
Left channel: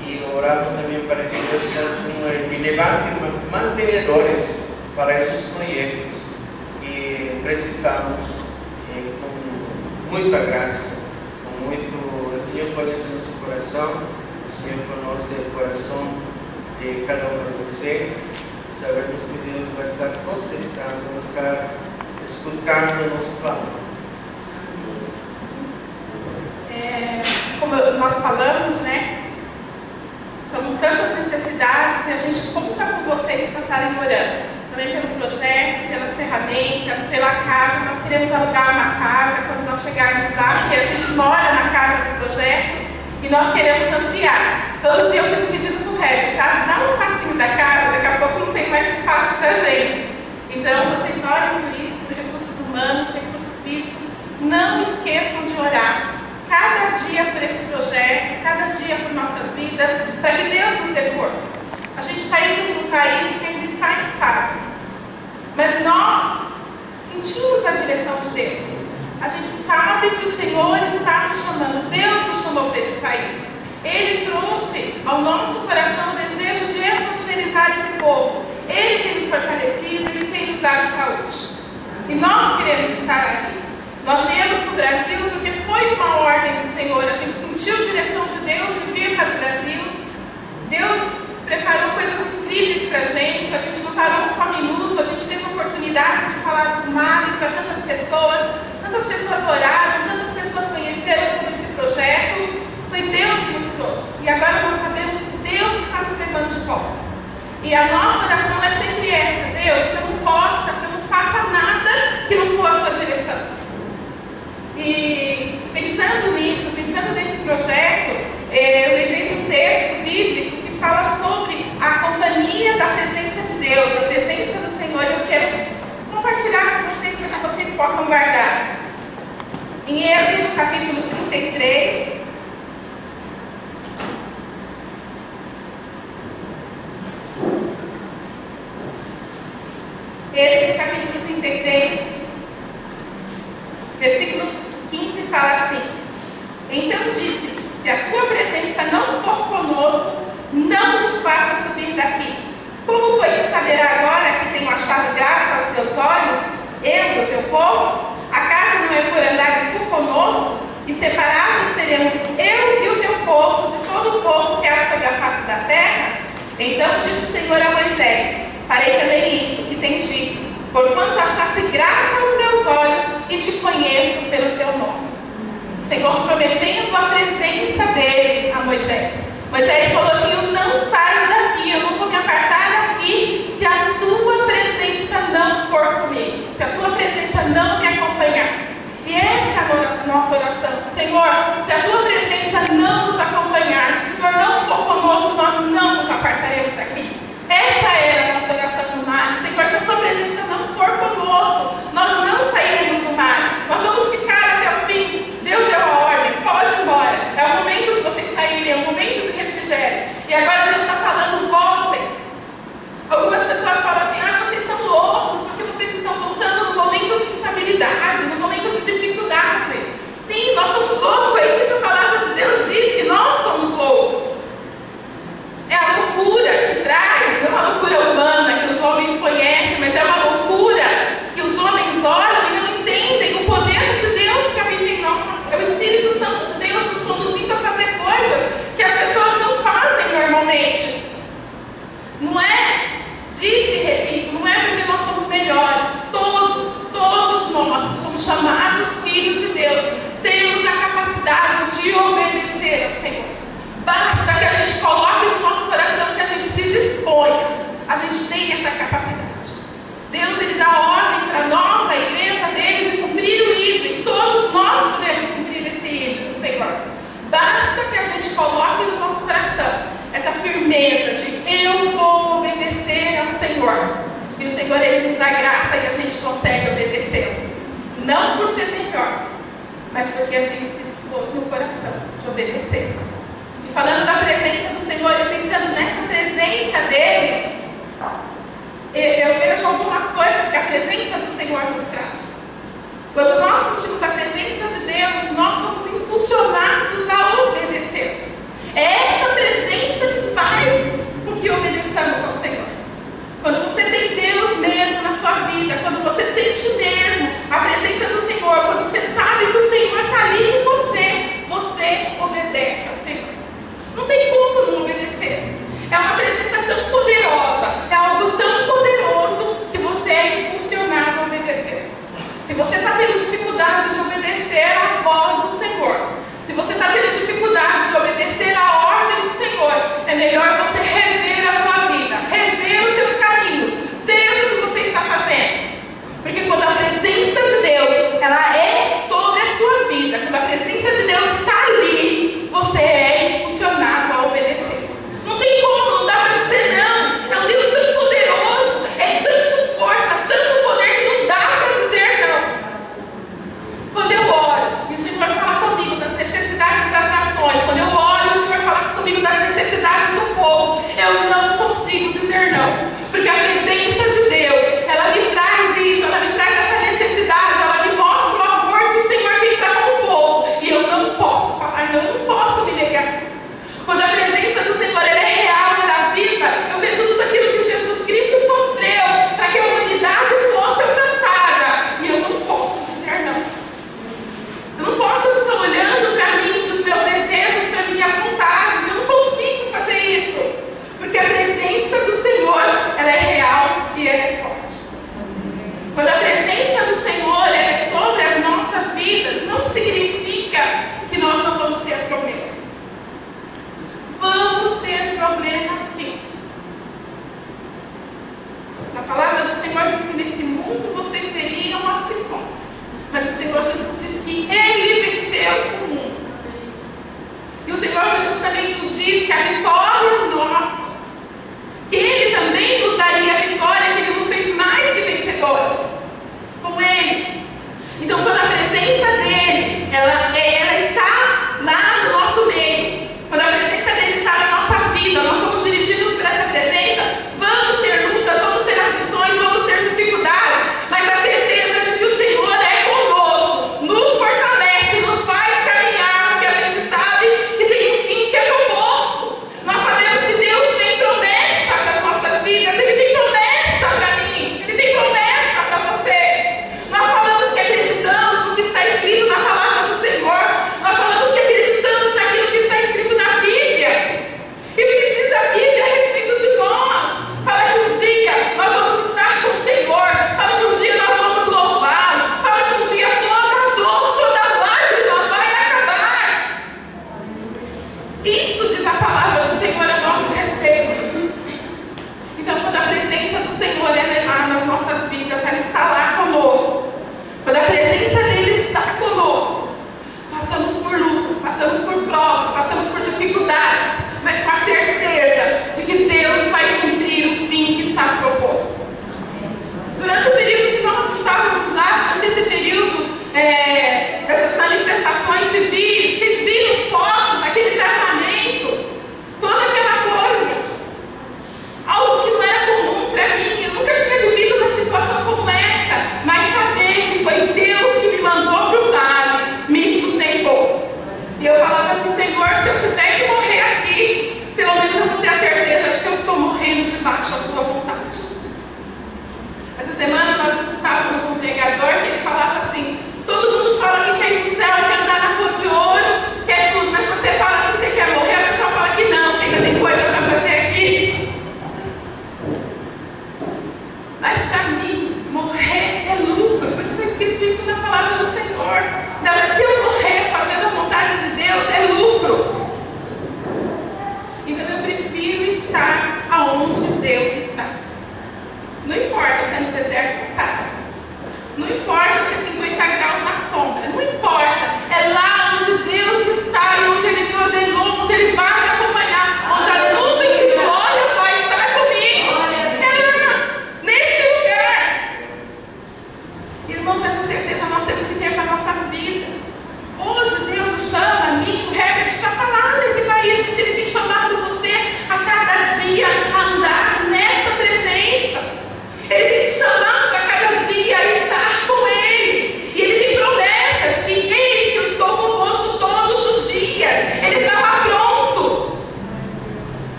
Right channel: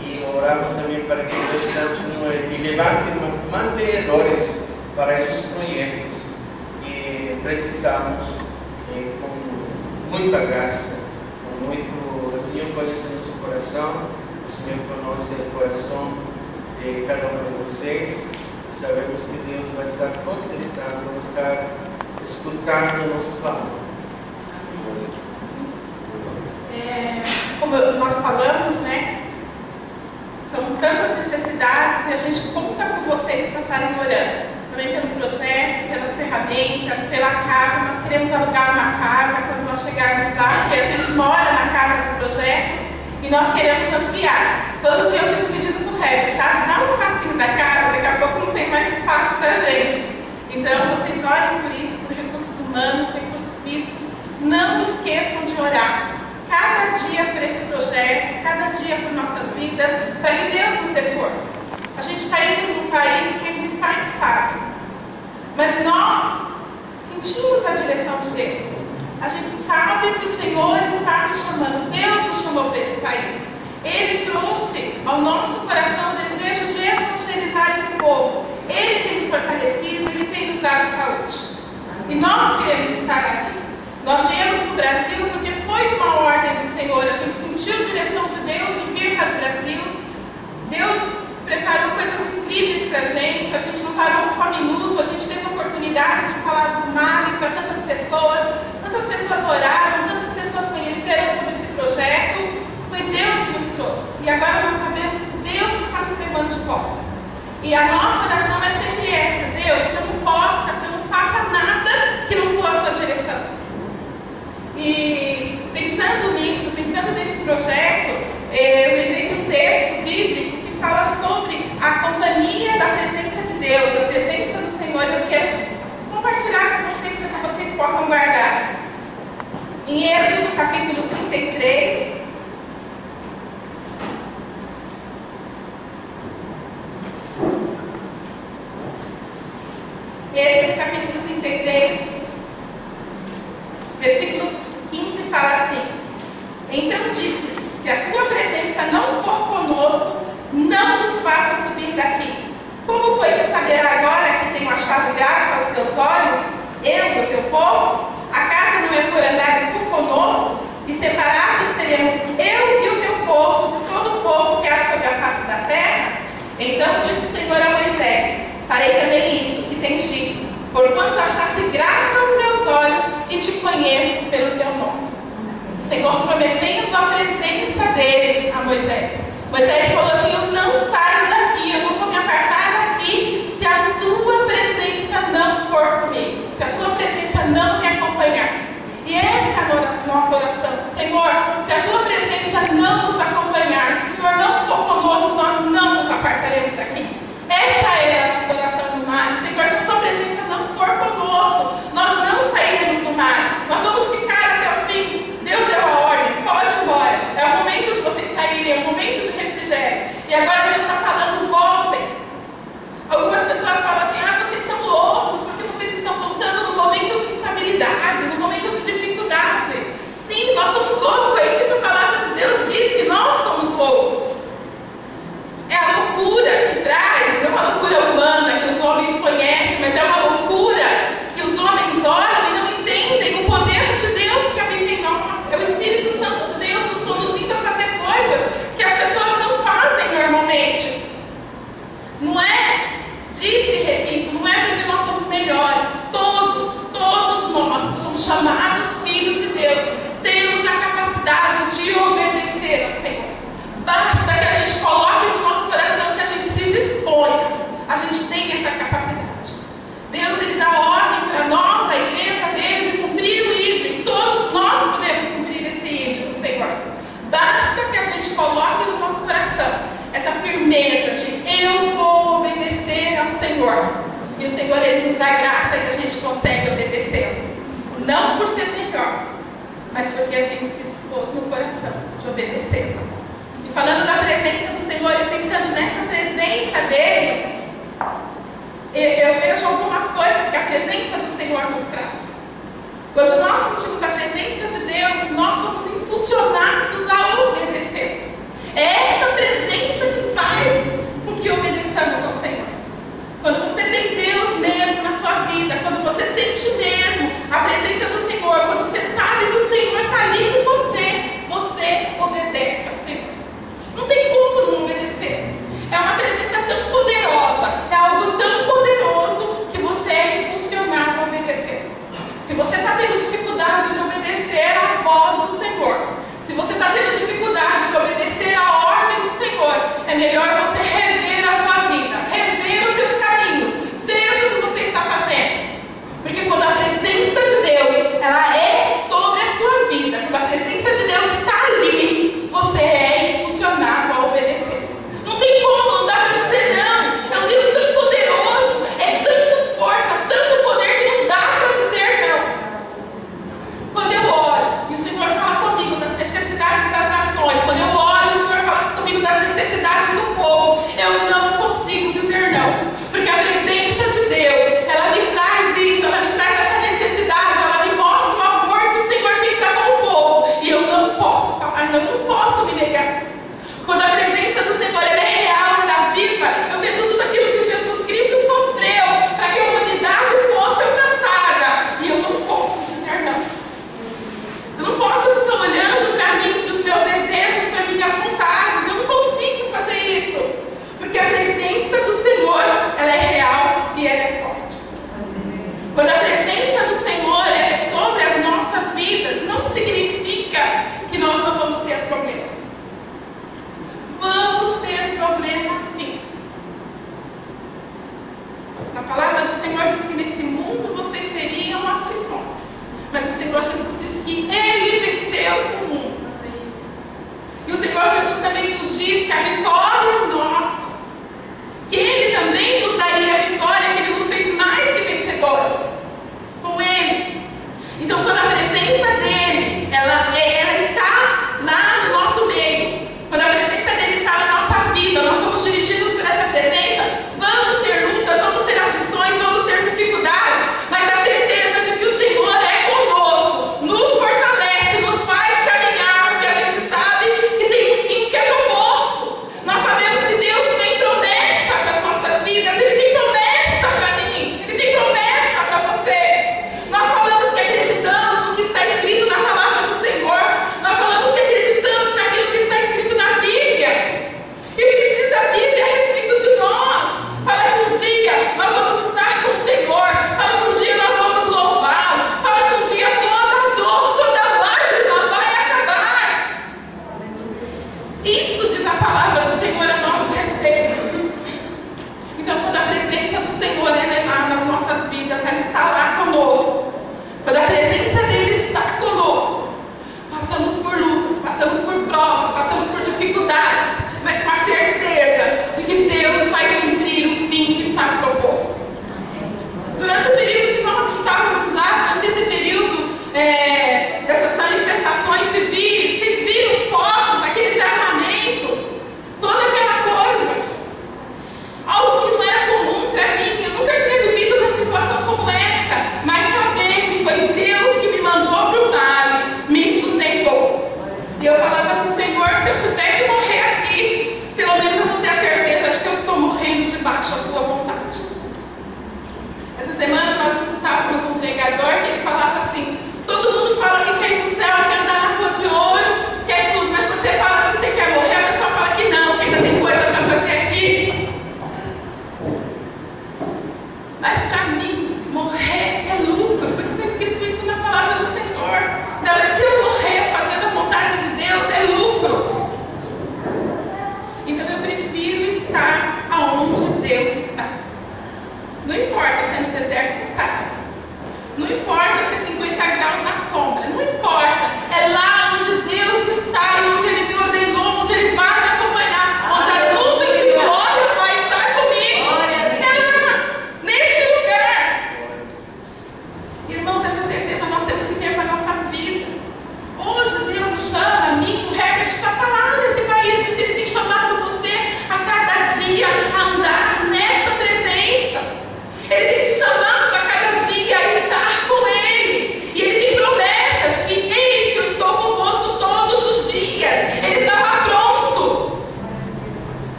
e oramos também para que Deus continue e levante mantenedores para esses projetos que precisamos, com muita graça, com muito. O Senhor conhece nosso coração, o Senhor conhece o coração de cada um de vocês, e sabemos que Deus vai estar contestando, vai estar escutando o nosso clamor. Como nós falamos, né? São tantas necessidades e a gente conta com vocês para estarem orando. Também pelo projeto, pelas ferramentas, pela casa. Nós queremos alugar uma casa quando nós chegarmos lá, porque a gente mora na casa do projeto e nós queremos ampliar. Todo dia eu fico pedindo para o Herbert, já dá um espacinho da casa, daqui a pouco não tem mais espaço para a gente. Então vocês orem por isso, por recursos humanos, recursos físicos. Não esqueçam de orar. Cada dia por esse projeto, cada dia por nossas vidas, para que Deus nos dê força. A gente está indo para um país que ainda está instável, mas nós sentimos a direção de Deus. A gente sabe que o Senhor está nos chamando, Deus nos chamou para esse país. Ele trouxe ao nosso coração o desejo de evangelizar esse povo. Ele tem nos fortalecido, Ele tem nos dado saúde. E nós queremos estar ali. Nós viemos para o Brasil porque foi uma ordem do Senhor, a gente sentiu a direção de Deus de vir para o Brasil. Deus preparou coisas incríveis para a gente não parou um só minuto, a gente teve a oportunidade de falar do Mali para tantas pessoas oraram, tantas pessoas conheceram sobre esse projeto. Foi Deus que nos trouxe. E agora nós sabemos que Deus está nos levando de volta. E a nossa oração é sempre essa: Deus, que eu não faça nada que não for a sua direção. E pensando nisso, pensando nesse projeto, eu lembrei de um texto bíblico que fala sobre a companhia da presença de Deus, a presença do Senhor. Eu quero compartilhar com vocês para que vocês possam guardar. Em Êxodo capítulo 33, Êxodo capítulo 33, versículo 15 fala assim: então disse: se a tua presença não for conosco, não nos faça subir daqui. Como, pois, saberá agora Então disse o Senhor a Moisés: farei também isso que tens dito, porquanto achaste graça aos meus olhos e te conheço pelo teu nome. O Senhor prometendo a presença dele a Moisés. Moisés falou assim: eu não saio daqui, eu não vou me apartar daqui se a tua presença não for comigo, se a tua presença não me acompanhar. E essa é a nossa oração: Senhor, se a tua presença não nos acompanhar, se o Senhor não for conosco, nós não nos apartaremos daqui. Essa é a nossa oração no mar. Senhor, se a tua presença não for conosco, nós não sairemos do mar, nós vamos ficar até o fim. Deus deu a ordem, pode ir embora, é o momento de vocês saírem, é o momento de refrigério. E agora Deus está falando: voltem. Algumas pessoas falam assim: vocês são loucos, porque vocês estão voltando no momento de instabilidade, no momento de dificuldade. Sim, nós somos loucos, é isso que a palavra de Deus diz, que nós somos loucos. É a loucura que traz, não é uma loucura humana que os homens conhecem, mas é uma loucura que os homens olham e não entendem o poder de Deus que habita em nós. É o Espírito Santo de Deus nos conduzindo a fazer coisas que as pessoas não fazem normalmente. Não é, disse e repito, não é porque nós somos melhores. Todos nós que somos chamados filhos de Deus, temos a capacidade de obedecer ao Senhor. Basta que a gente coloque no nosso coração, que a gente se disponha. A gente tem essa capacidade. Deus, Ele dá ordem para nós, a igreja dele, de cumprir o ID. Todos nós podemos cumprir esse ID do Senhor. Basta que a gente coloque no nosso coração essa firmeza de eu vou obedecer ao Senhor. E o Senhor, Ele nos dá graça e a gente consegue obedecê-lo. Não por ser melhor, mas porque a gente se dispôs no coração de obedecer. E falando da presença do Senhor, eu pensando nessa presença dele, eu vejo algumas coisas que a presença do Senhor nos traz. Quando nós sentimos a presença de Deus, nós somos impulsionados a obedecer. É essa presença que faz com que obedeçamos ao Senhor. Quando você tem Deus mesmo na sua vida, quando você sente mesmo a presença do Senhor, quando você sabe que o Senhor está ali com você, você obedece ao Senhor. Não tem como não obedecer. É uma presença tão poderosa, é algo tão poderoso que você é impulsionado a obedecer. Se você está tendo dificuldade de obedecer à voz do Senhor, se você está tendo dificuldade de obedecer à ordem do Senhor, é melhor você rever a sua vida, rever os seus caminhos, veja o que você está fazendo. Porque quando a presença de Deus, ela é sobre a sua vida, quando a presença de Deus está ali, você é impulsionado a obedecer. Não tem como, não dá para dizer não. É um Deus tão poderoso, é tanta força, tanto poder que não dá para dizer não. Quando eu oro e o Senhor fala comigo das necessidades das nações, quando eu oro e o Senhor fala comigo das necessidades do povo, eu não consigo dizer não. Porque a presença de Deus, ela me traz isso, ela me traz essa necessidade, ela me mostra o amor que o Senhor tem para com o povo. E eu não posso falar, eu não posso me negar. Quando a presença do Senhor, ela é real, ela é viva, eu vejo tudo aquilo que Jesus Cristo sofreu para que a humanidade fosse alcançada. E eu não posso dizer não. Eu não posso ficar olhando para mim, para os meus desejos, para minhas vontades. Eu não consigo fazer isso. Porque a presença do Senhor, ela é real e ela é forte. Quando a presença do Senhor ela é sobre as nossas vidas, não significa que nós não vamos ter problemas. Vamos ter problemas sim. A palavra do Senhor diz que nesse mundo vocês teriam aflições. Mas o Senhor Jesus disse que Ele venceu o mundo. E o Senhor Jesus também nos diz que a vitória é nossa. Que Ele também nos daria a vitória, que Ele nos fez mais que vencedores. Com Ele. Então quando a presença dEle, ela está lá no nosso meio. Quando a presença dEle está na nossa vida, nós somos dirigidos por essa presença, vamos ter lutas, vamos ter aflições, vamos ter dificuldades, mas a certeza de que o Senhor é conosco, nos fortalece, nos faz caminhar, porque a gente sabe que tem um fim que é proposto.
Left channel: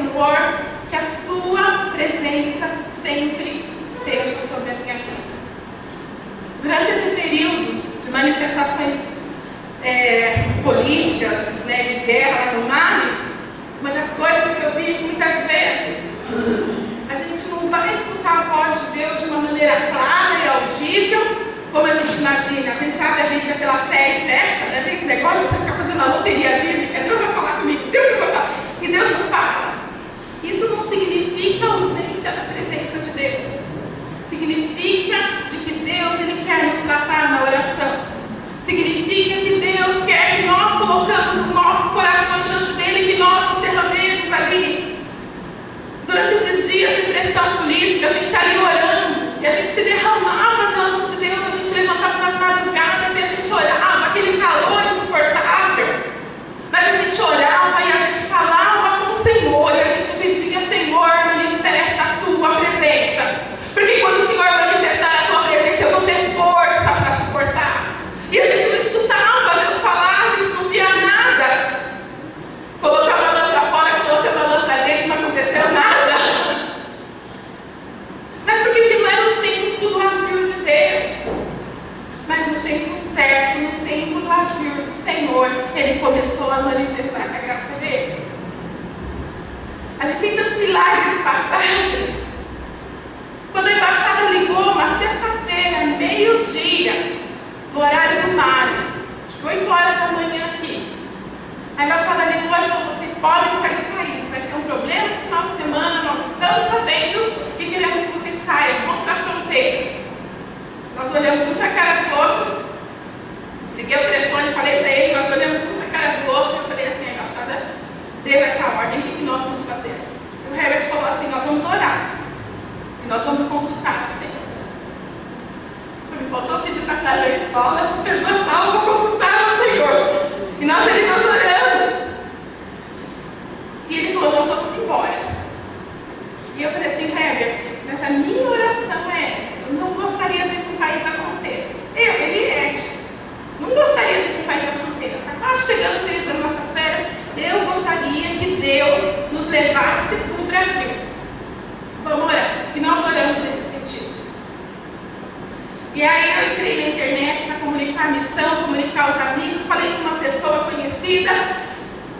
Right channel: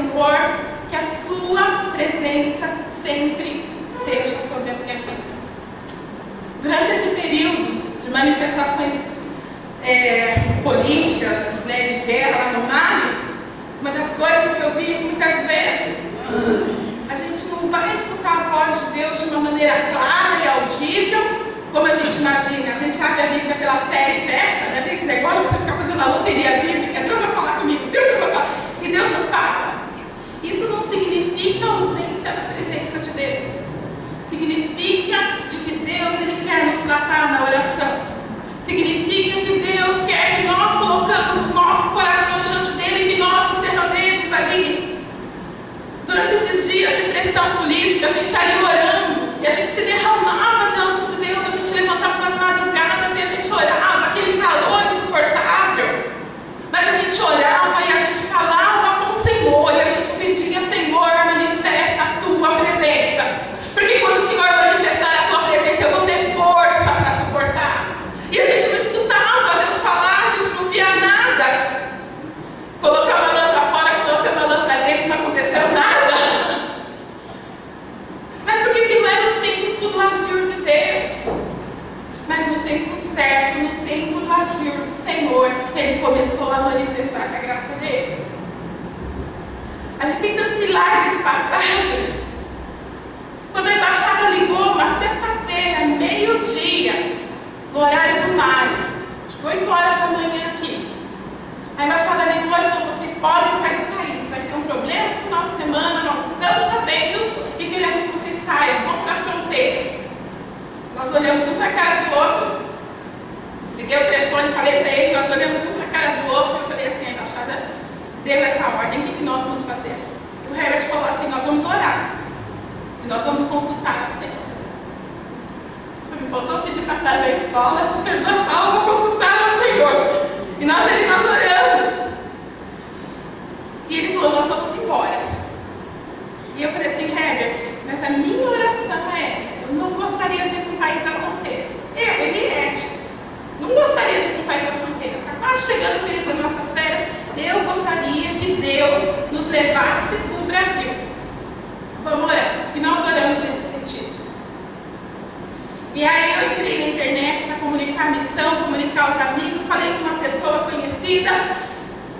Senhor, que a sua presença sempre seja sobre a minha vida. Durante esse período de manifestações políticas, né, de guerra lá no Mali, uma das coisas que eu vi muitas vezes, a gente não vai escutar a voz de Deus de uma maneira clara e audível, como a gente imagina. A gente abre a Bíblia pela fé e fecha, né? Tem esse negócio de você ficar fazendo a loteria bíblica, Deus vai falar comigo, Deus vai falar, e Deus não fala. Isso não significa ausência da presença de Deus. Significa de que Deus, Ele quer nos tratar na oração. Significa que Deus quer que nós colocamos os nossos corações diante dEle e que nós nos derramemos ali. Durante esses dias de pressão política, a gente ali orando, e a gente se derramava diante de Deus, a gente levantava nas madrugadas e a gente orava, aquele calor insuportável. Mas a gente orava e a gente falava com o Senhor, e a gente pedia: Senhor, manifesta a tua presença. Porque quando o Senhor manifestar a tua presença, eu vou ter força para suportar. E a gente não escutava Deus falar, a gente não via nada. Colocava a lâmpada fora, colocava a lâmpada dentro, não aconteceu nada. Mas por que não era o tempo do agir de Deus? Mas no tempo certo, no tempo do agir do Senhor, Ele começou a manifestar a graça dEle. A gente tem tanto milagre de passagem. Quando a embaixada ligou, uma sexta-feira, meio-dia, no horário do Mali, acho que 8 horas da manhã aqui, a embaixada ligou e falou: vocês podem sair do país, vai ter um problema esse final de semana, nós estamos sabendo e queremos que vocês saiam, vão para a fronteira. Nós olhamos um para a cara do outro, segui o telefone, falei para ele, nós olhamos um para a cara do outro, e eu falei assim: a embaixada deu essa ordem, o que nós vamos fazer? O Herbert falou assim: nós vamos orar, e nós vamos consultar o Senhor. Só me faltou pedir para trazer a escola, se o Senhor não fala, eu vou consultar o Senhor. E nós oramos. E ele falou: nós vamos embora. E eu falei assim: Herbert, mas a minha oração é essa: eu não gostaria de ir para um país da fronteira. Ele não gostaria de ir para um país da fronteira. Está quase chegando o período das nossas férias. Eu gostaria que Deus nos levasse para o Brasil. Vamos orar. E nós oramos nesse sentido. E aí eu entrei na internet para comunicar a missão, comunicar os amigos. Falei com uma pessoa conhecida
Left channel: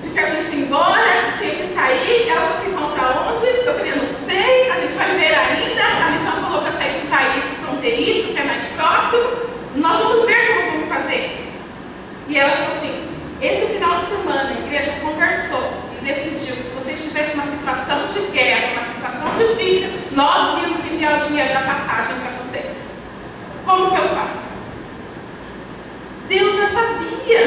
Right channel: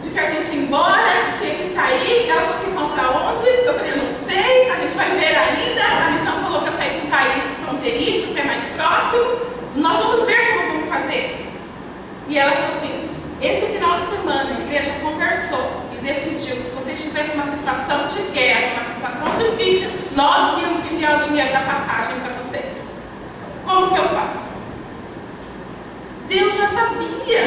de que a gente ia embora, que tinha que sair. Ela falou: vocês vão para onde? Eu falei: eu não sei, a gente vai ver ainda. A missão falou para sair para um país fronteiriço, que é mais próximo. Nós vamos ver como vamos fazer. E ela falou assim: esse final de semana a igreja conversou e decidiu que se vocês tivessem uma situação de guerra, uma situação difícil, nós íamos enviar o dinheiro da passagem para vocês. Como que eu faço? Deus já sabia.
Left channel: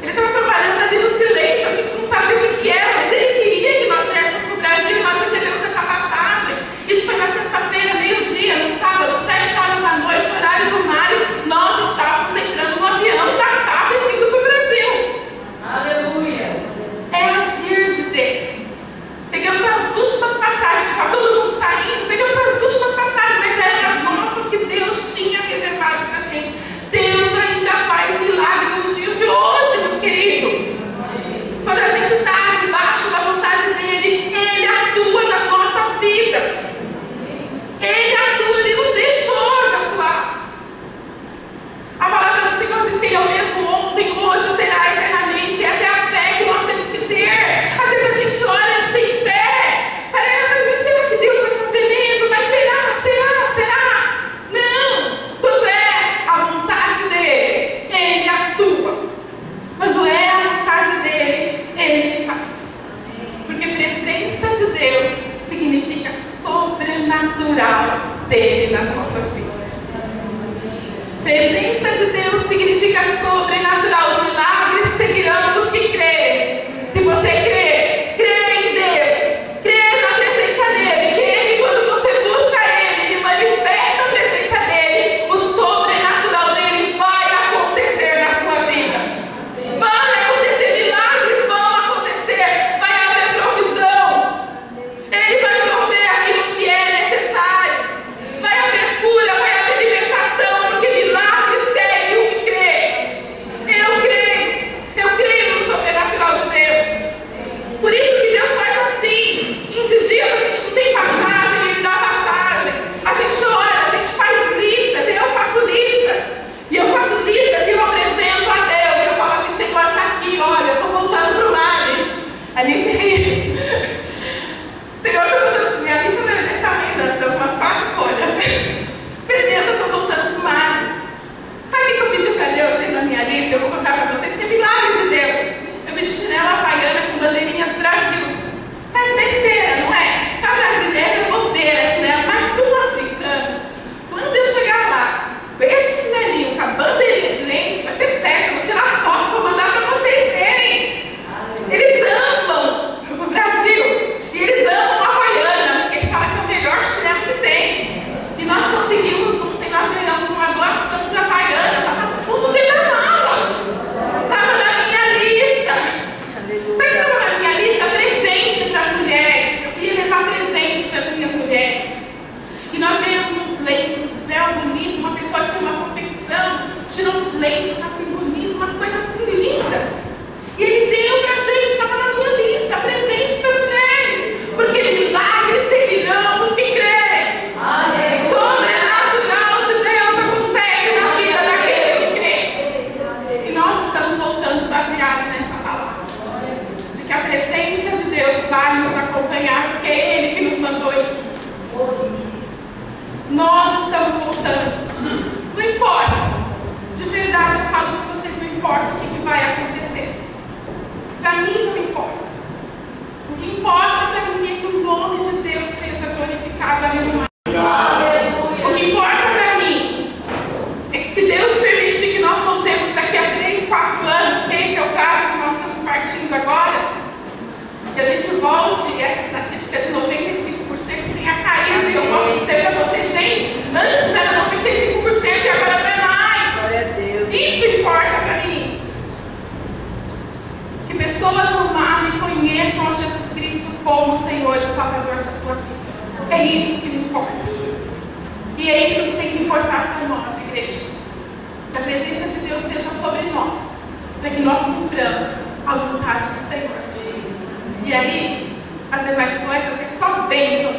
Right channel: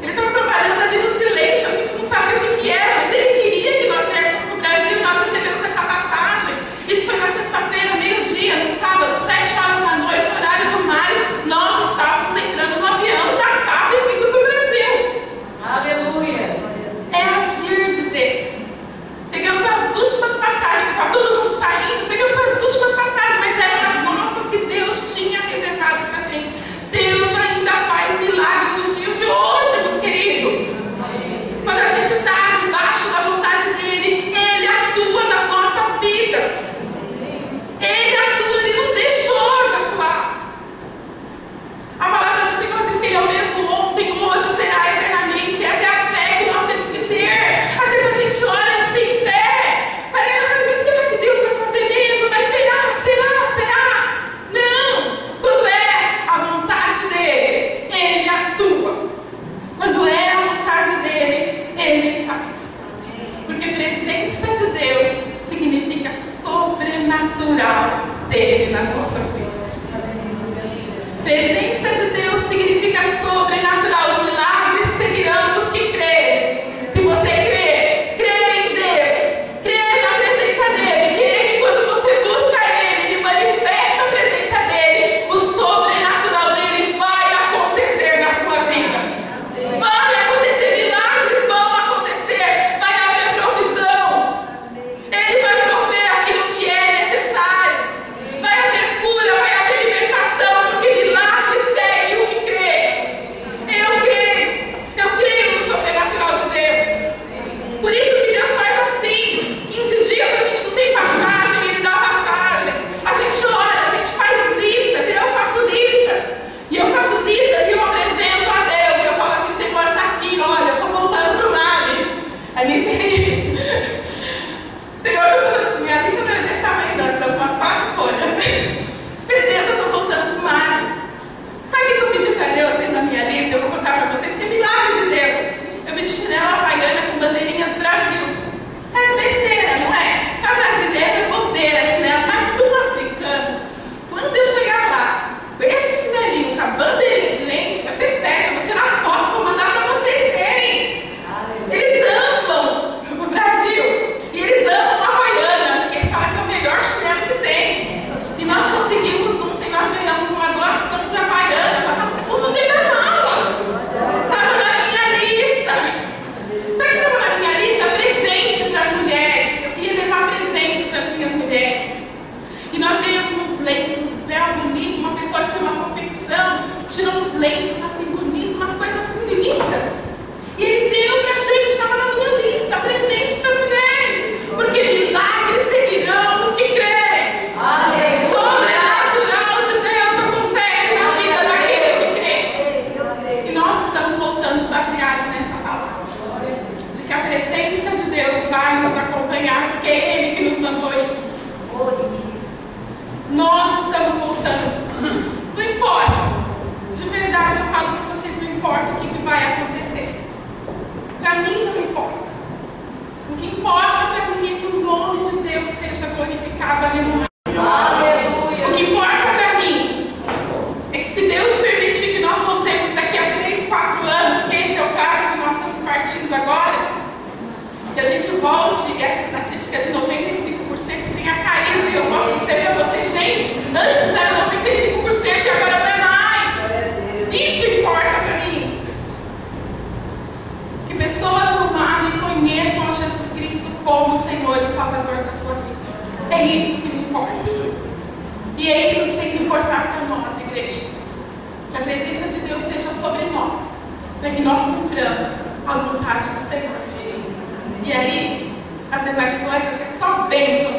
Ele estava trabalhando ali no silêncio, a gente não sabia o que era, mas Ele queria que nós viéssemos para o Brasil e nós recebemos essa passagem. Isso foi na sexta-feira, meio-dia, no sábado, 7 horas da noite, horário do Mali, nós estávamos entrando no avião da TAP e vindo para o Brasil. Aleluia! É agir de Deus. Pegamos as últimas passagens, que estava todo mundo saindo, pegamos as últimas passagens, mas eram as nossas que Deus tinha reservado para a gente. Deus ainda faz milagre nos dias de hoje. bandeirinha do Brasil. É besteira, não é? Para brasileiro é bobeira, chinelo, mas para um africano, quando eu chegar lá, com esse chinelinho, com a bandeirinha de gente, vai ser festa, eu vou tirar foto, vou mandar para vocês verem. Eles amam o Brasil, e eles amam a Havaiana, porque eles falam que é o melhor chinelo que tem. E nós conseguimos ontem, nós ganhamos uma doação de Havaiana, já está tudo dentro da mala. Estava na minha lista. Sabe o que estava na minha lista? Presente para as mulheres. Eu queria levar presente para as minhas mulheres. E nós ganhamos uns lenços, um véu bonito, uma pessoa que tem uma confecção, tirou uns lenços assim bonitos, umas coisas assim lindas. E ele deu para a gente, estava na minha lista, presente para as mulheres. Porque milagres seguirão os que creem. Sobrenatural de Deus acontece na vida daquele que crê. E nós estamos voltando baseado nessa palavra. De que a presença de Deus vai nos acompanhar, porque é Ele que nos mandou ir. Nós estamos voltando. Não importa. De verdade, eu falo para vocês, não importa o que vai acontecer. Para mim não importa. O que importa para mim é que o nome de Deus seja glorificado ali no mar. O que importa para mim é que se Deus permitir que nós voltemos daqui a 3, 4 anos, que esse é o caso que nós estamos partindo agora, que a gente volte e essa estatística de 95% tenha caído, e eu posso dizer para vocês, gente, antes era 95% e agora não é mais. Isso importa para mim. Que pessoas amam e conheçam a Jesus Cristo como Senhor e Salvador da sua vida. É isso que me importa. E é isso que tem que importar para nós, igreja. Que a presença de Deus seja sobre nós, para que nós cumpramos a vontade do Senhor. E aí, as demais coisas é só bênção